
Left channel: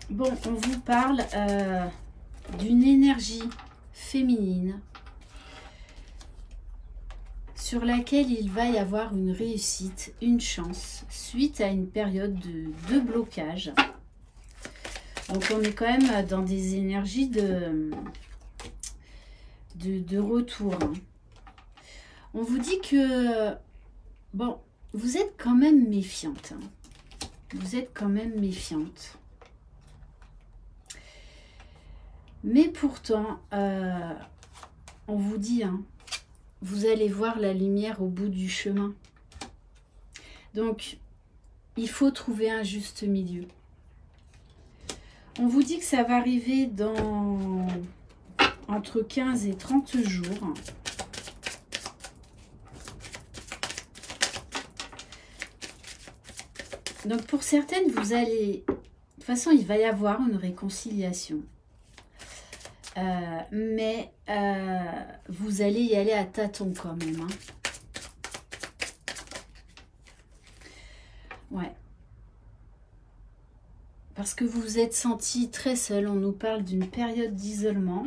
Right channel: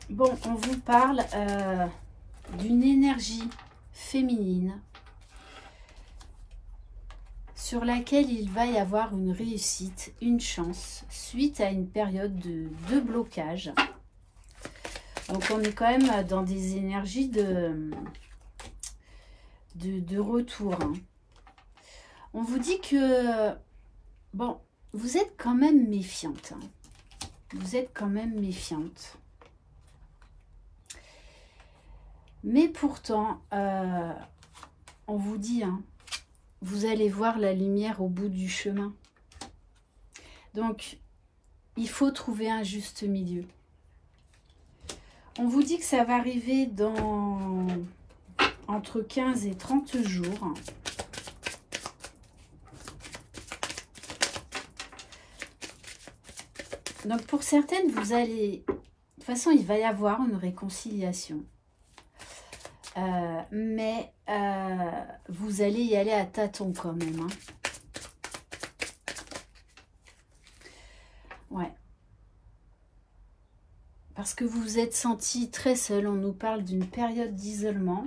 Bon, on vous parle d'une énergie féminine sur laquelle il va y avoir une réussite, une chance, suite à une période de blocage. Donc on est quand même dans des énergies de retour. Hein. On vous dit que, bon, vous êtes quand même méfiante. Hein. Vous êtes quand même méfiante. Mais pourtant, on vous dit, hein, vous allez voir la lumière au bout du chemin. Donc, il faut trouver un juste milieu. On vous dit que ça va arriver dans entre 15 et 30 jours. Donc, pour certaines, vous allez... De toute façon, il va y avoir une réconciliation. Mais vous allez y aller à tâtons quand même. Hein. Ouais. Parce que vous vous êtes senti très seul. On nous parle d'une période d'isolement.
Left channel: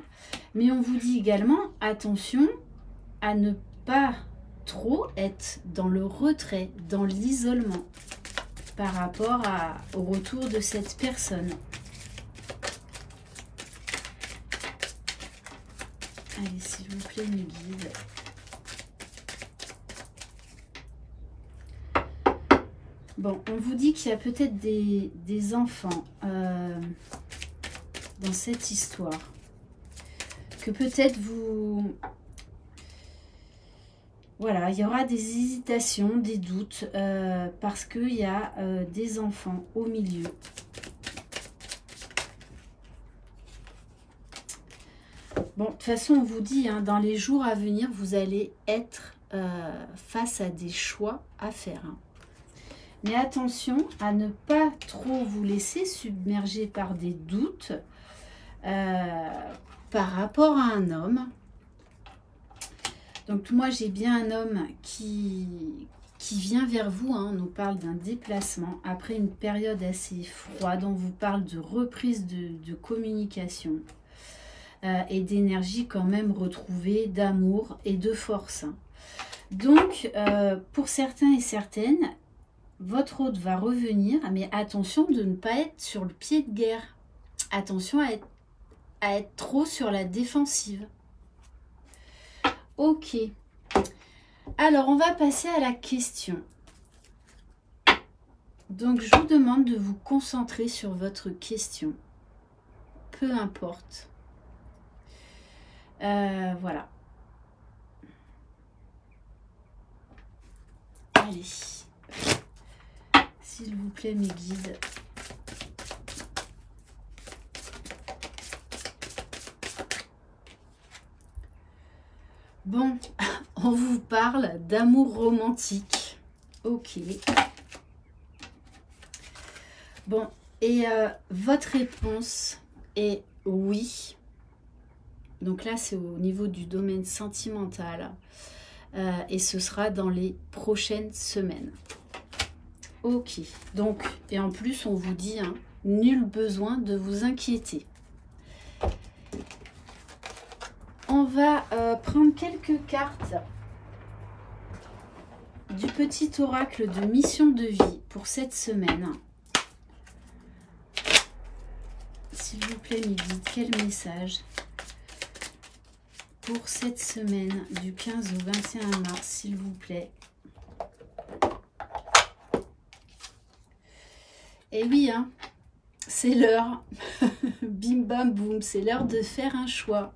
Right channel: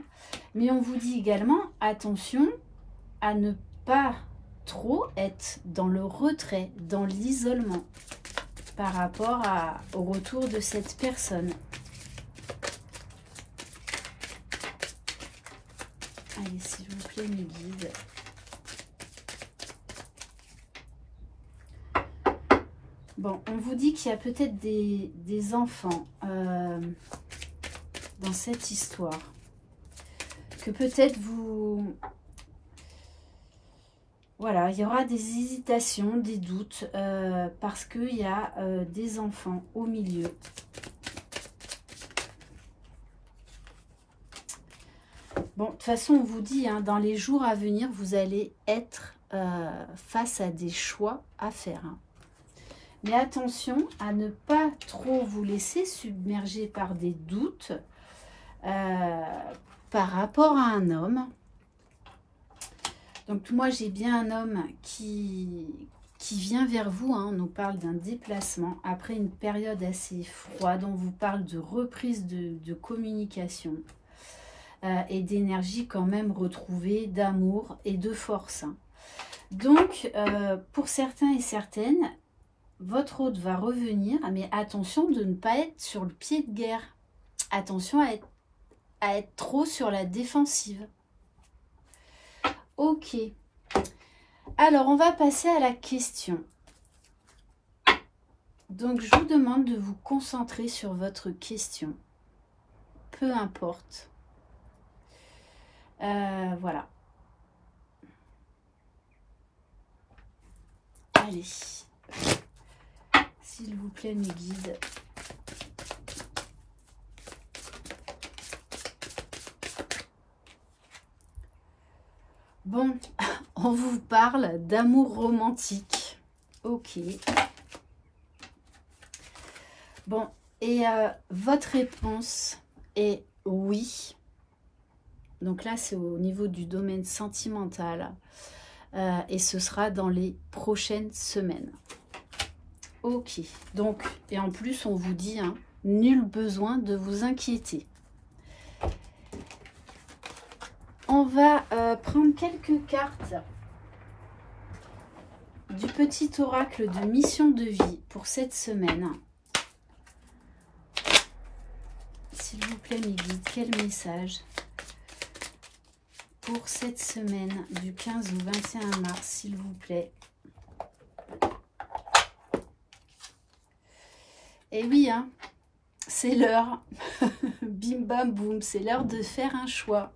Mais on vous dit également, attention à ne pas trop être dans le retrait, dans l'isolement par rapport au retour de cette personne. Allez, s'il vous plaît, mes guides. Bon, on vous dit qu'il y a peut-être des enfants dans cette histoire. Que peut-être vous... Voilà, il y aura des hésitations, des doutes, parce qu'il y a des enfants au milieu. Bon, de toute façon, on vous dit, hein, dans les jours à venir, vous allez être face à des choix à faire. Hein. Mais attention à ne pas trop vous laisser submerger par des doutes par rapport à un homme. Donc moi, j'ai bien un homme qui vient vers vous. Hein. On nous parle d'un déplacement après une période assez froide. On vous parle de reprise de communication. Et d'énergie quand même retrouvée, d'amour et de force. Donc, pour certains et certaines, votre hôte va revenir, mais attention de ne pas être sur le pied de guerre. Attention à être trop sur la défensive. Ok. Alors, on va passer à la question. Donc, je vous demande de vous concentrer sur votre question. Peu importe. Voilà. Allez. S'il vous plaît, mes guides. Bon, on vous parle d'amour romantique. Ok. Bon, et votre réponse est oui. Donc là, c'est au niveau du domaine sentimental. Et ce sera dans les prochaines semaines. Ok. Donc, et en plus, on vous dit, hein, nul besoin de vous inquiéter. On va prendre quelques cartes du petit oracle de mission de vie pour cette semaine. S'il vous plaît, mes guides, quel message pour cette semaine du 15 au 21 mars, s'il vous plaît. Et oui, hein, c'est l'heure. Bim bam boum, c'est l'heure de faire un choix.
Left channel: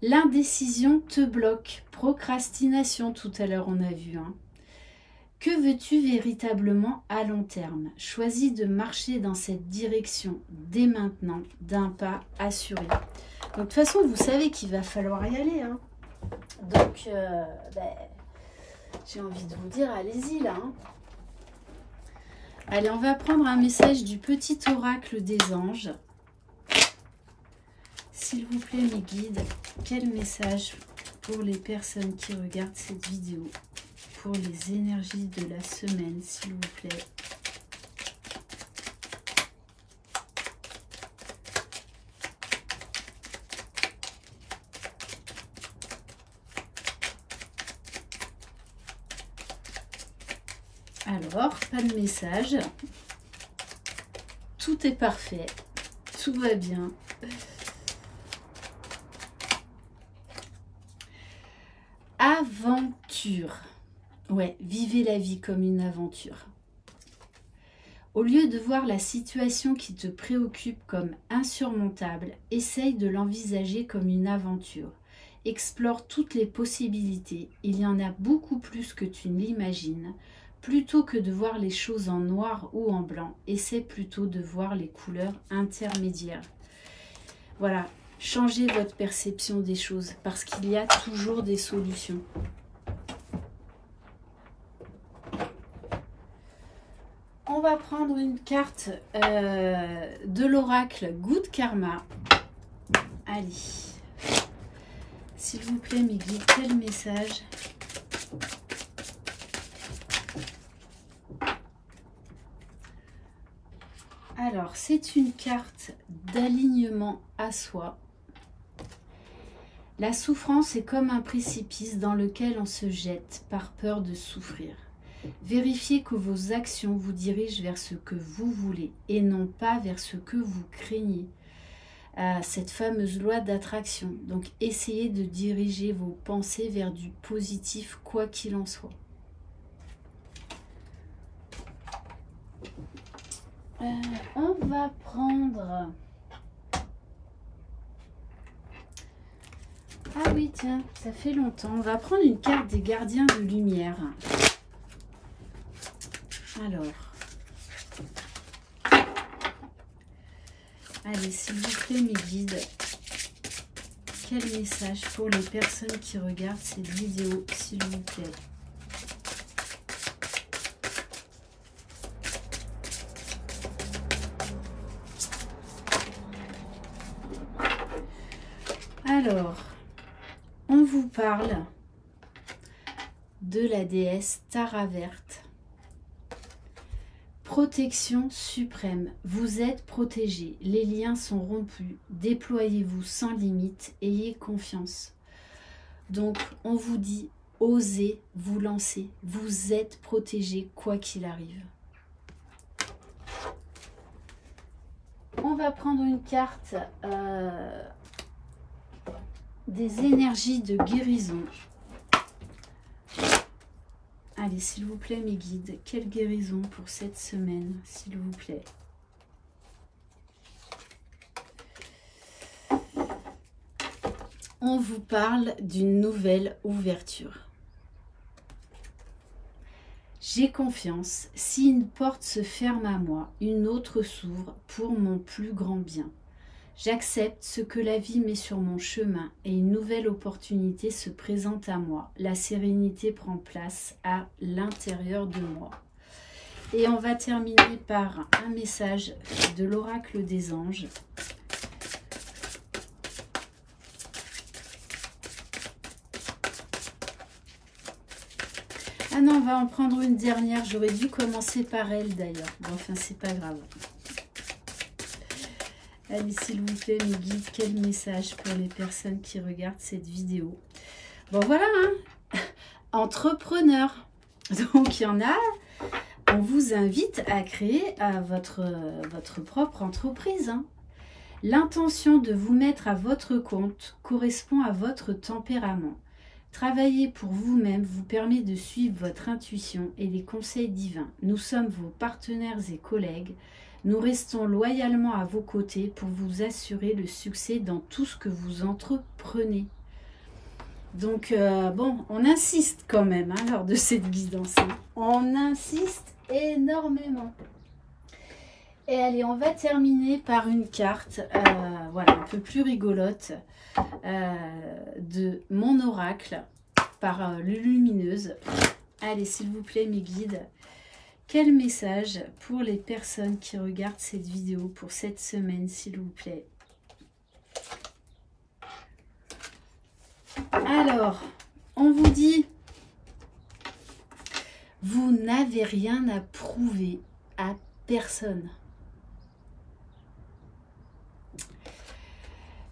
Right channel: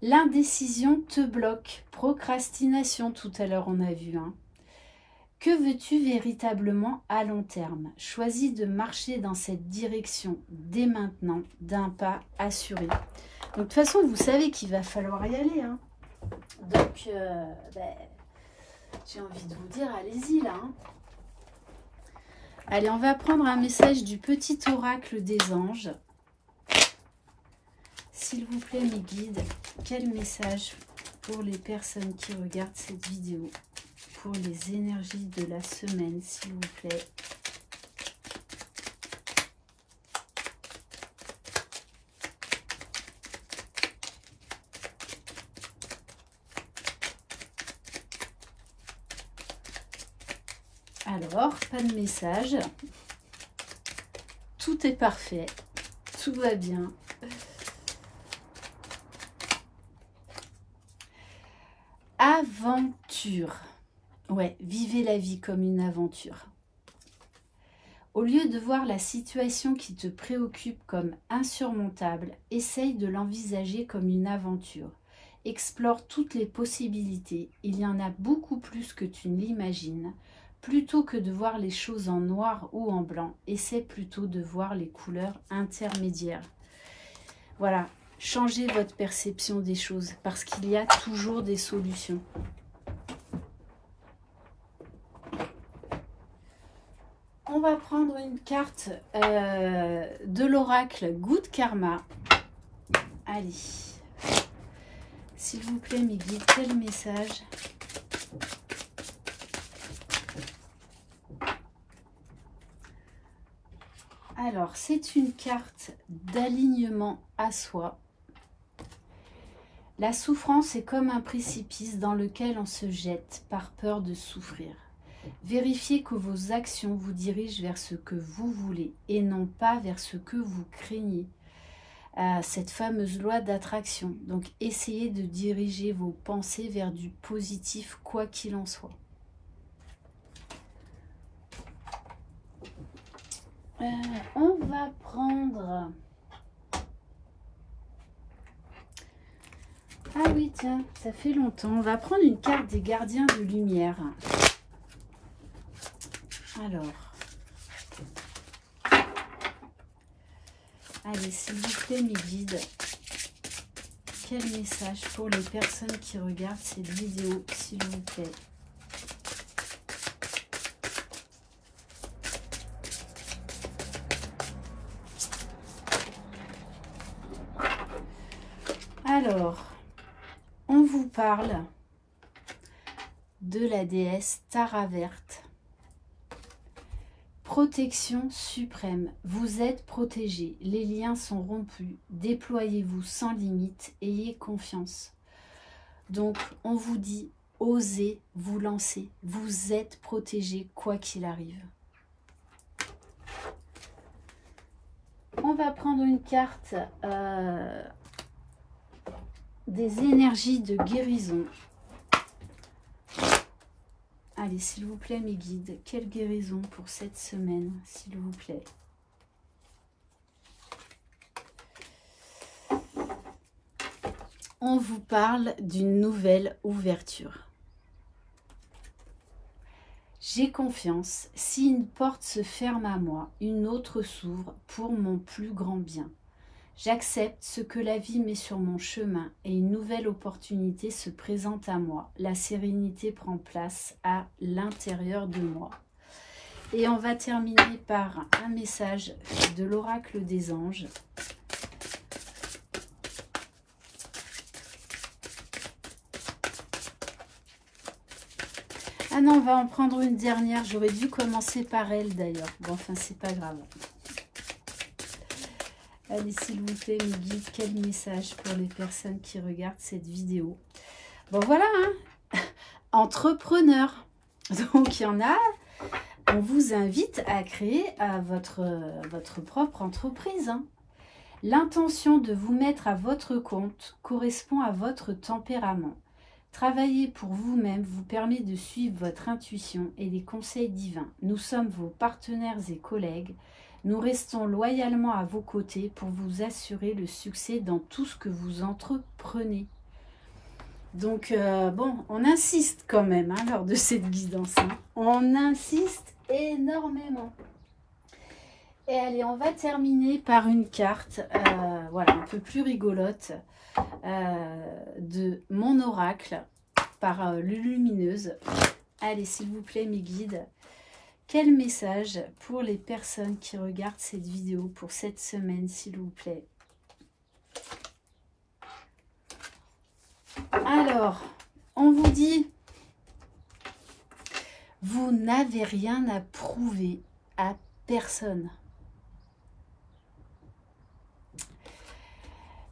L'indécision te bloque. Procrastination, tout à l'heure on a vu. Hein. Que veux-tu véritablement à long terme? Choisis de marcher dans cette direction dès maintenant, d'un pas assuré. Donc, de toute façon, vous savez qu'il va falloir y aller. Hein. Donc, J'ai envie de vous dire, allez-y là. Hein. Allez, on va prendre un message du petit oracle des anges. S'il vous plaît, mes guides, quel message pour les personnes qui regardent cette vidéo, pour les énergies de la semaine, s'il vous plaît. Alors, pas de message. Tout est parfait. Tout va bien. Aventure. Ouais, vivez la vie comme une aventure. Au lieu de voir la situation qui te préoccupe comme insurmontable, essaye de l'envisager comme une aventure. Explore toutes les possibilités. Il y en a beaucoup plus que tu ne l'imagines. Plutôt que de voir les choses en noir ou en blanc, essaie plutôt de voir les couleurs intermédiaires. Voilà, changez votre perception des choses parce qu'il y a toujours des solutions. On va prendre une carte de l'oracle Good Karma. Allez, s'il vous plaît, mes guides, quel message ? Alors, c'est une carte d'alignement à soi. La souffrance est comme un précipice dans lequel on se jette par peur de souffrir. Vérifiez que vos actions vous dirigent vers ce que vous voulez et non pas vers ce que vous craignez. Cette fameuse loi d'attraction. Donc, essayez de diriger vos pensées vers du positif, quoi qu'il en soit. On va prendre... Ah oui, tiens, ça fait longtemps. On va prendre une carte des gardiens de lumière. Alors... Allez, s'il vous plaît, mes guides, quel message pour les personnes qui regardent cette vidéo, s'il vous plaît? Alors, on vous parle de la déesse Tara Verte. Protection suprême. Vous êtes protégés. Les liens sont rompus. Déployez-vous sans limite. Ayez confiance. Donc, on vous dit, osez vous lancer. Vous êtes protégés quoi qu'il arrive. On va prendre une carte des énergies de guérison. Allez, s'il vous plaît, mes guides, quelle guérison pour cette semaine, s'il vous plaît. On vous parle d'une nouvelle ouverture. J'ai confiance. Si une porte se ferme à moi, une autre s'ouvre pour mon plus grand bien. J'accepte ce que la vie met sur mon chemin et une nouvelle opportunité se présente à moi. La sérénité prend place à l'intérieur de moi. Et on va terminer par un message de l'oracle des anges. Ah non, on va en prendre une dernière. J'aurais dû commencer par elle d'ailleurs. Bon, enfin, c'est pas grave. Allez, s'il vous plaît, mes guides, quel message pour les personnes qui regardent cette vidéo. Bon, voilà, hein, entrepreneur. Donc, il y en a, on vous invite à créer votre propre entreprise. Hein. L'intention de vous mettre à votre compte correspond à votre tempérament. Travailler pour vous-même vous permet de suivre votre intuition et les conseils divins. Nous sommes vos partenaires et collègues. Nous restons loyalement à vos côtés pour vous assurer le succès dans tout ce que vous entreprenez. Donc, bon, on insiste quand même hein, lors de cette guidance. Hein. On insiste énormément. Et allez, on va terminer par une carte, voilà, un peu plus rigolote, de mon oracle, par Lumineuse. Allez, s'il vous plaît, mes guides, quel message pour les personnes qui regardent cette vidéo pour cette semaine, s'il vous plaît? Alors, on vous dit, vous n'avez rien à prouver à personne.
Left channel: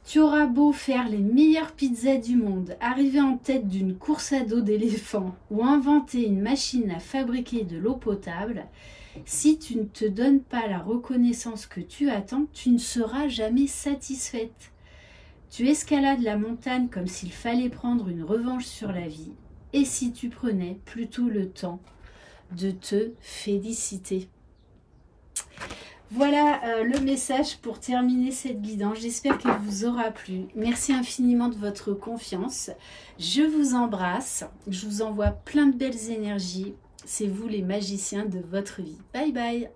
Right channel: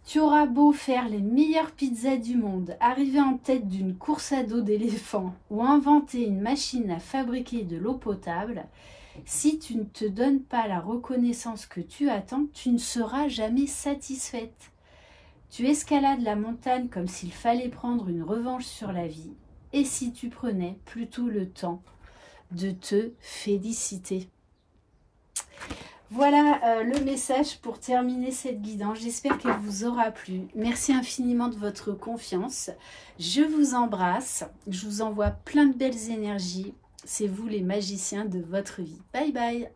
Tu auras beau faire les meilleures pizzas du monde, arriver en tête d'une course à dos d'éléphant ou inventer une machine à fabriquer de l'eau potable, si tu ne te donnes pas la reconnaissance que tu attends, tu ne seras jamais satisfaite. Tu escalades la montagne comme s'il fallait prendre une revanche sur la vie. Et si tu prenais plutôt le temps de te féliciter? Voilà le message pour terminer cette guidance. J'espère qu'elle vous aura plu. Merci infiniment de votre confiance. Je vous embrasse. Je vous envoie plein de belles énergies. C'est vous les magiciens de votre vie. Bye bye.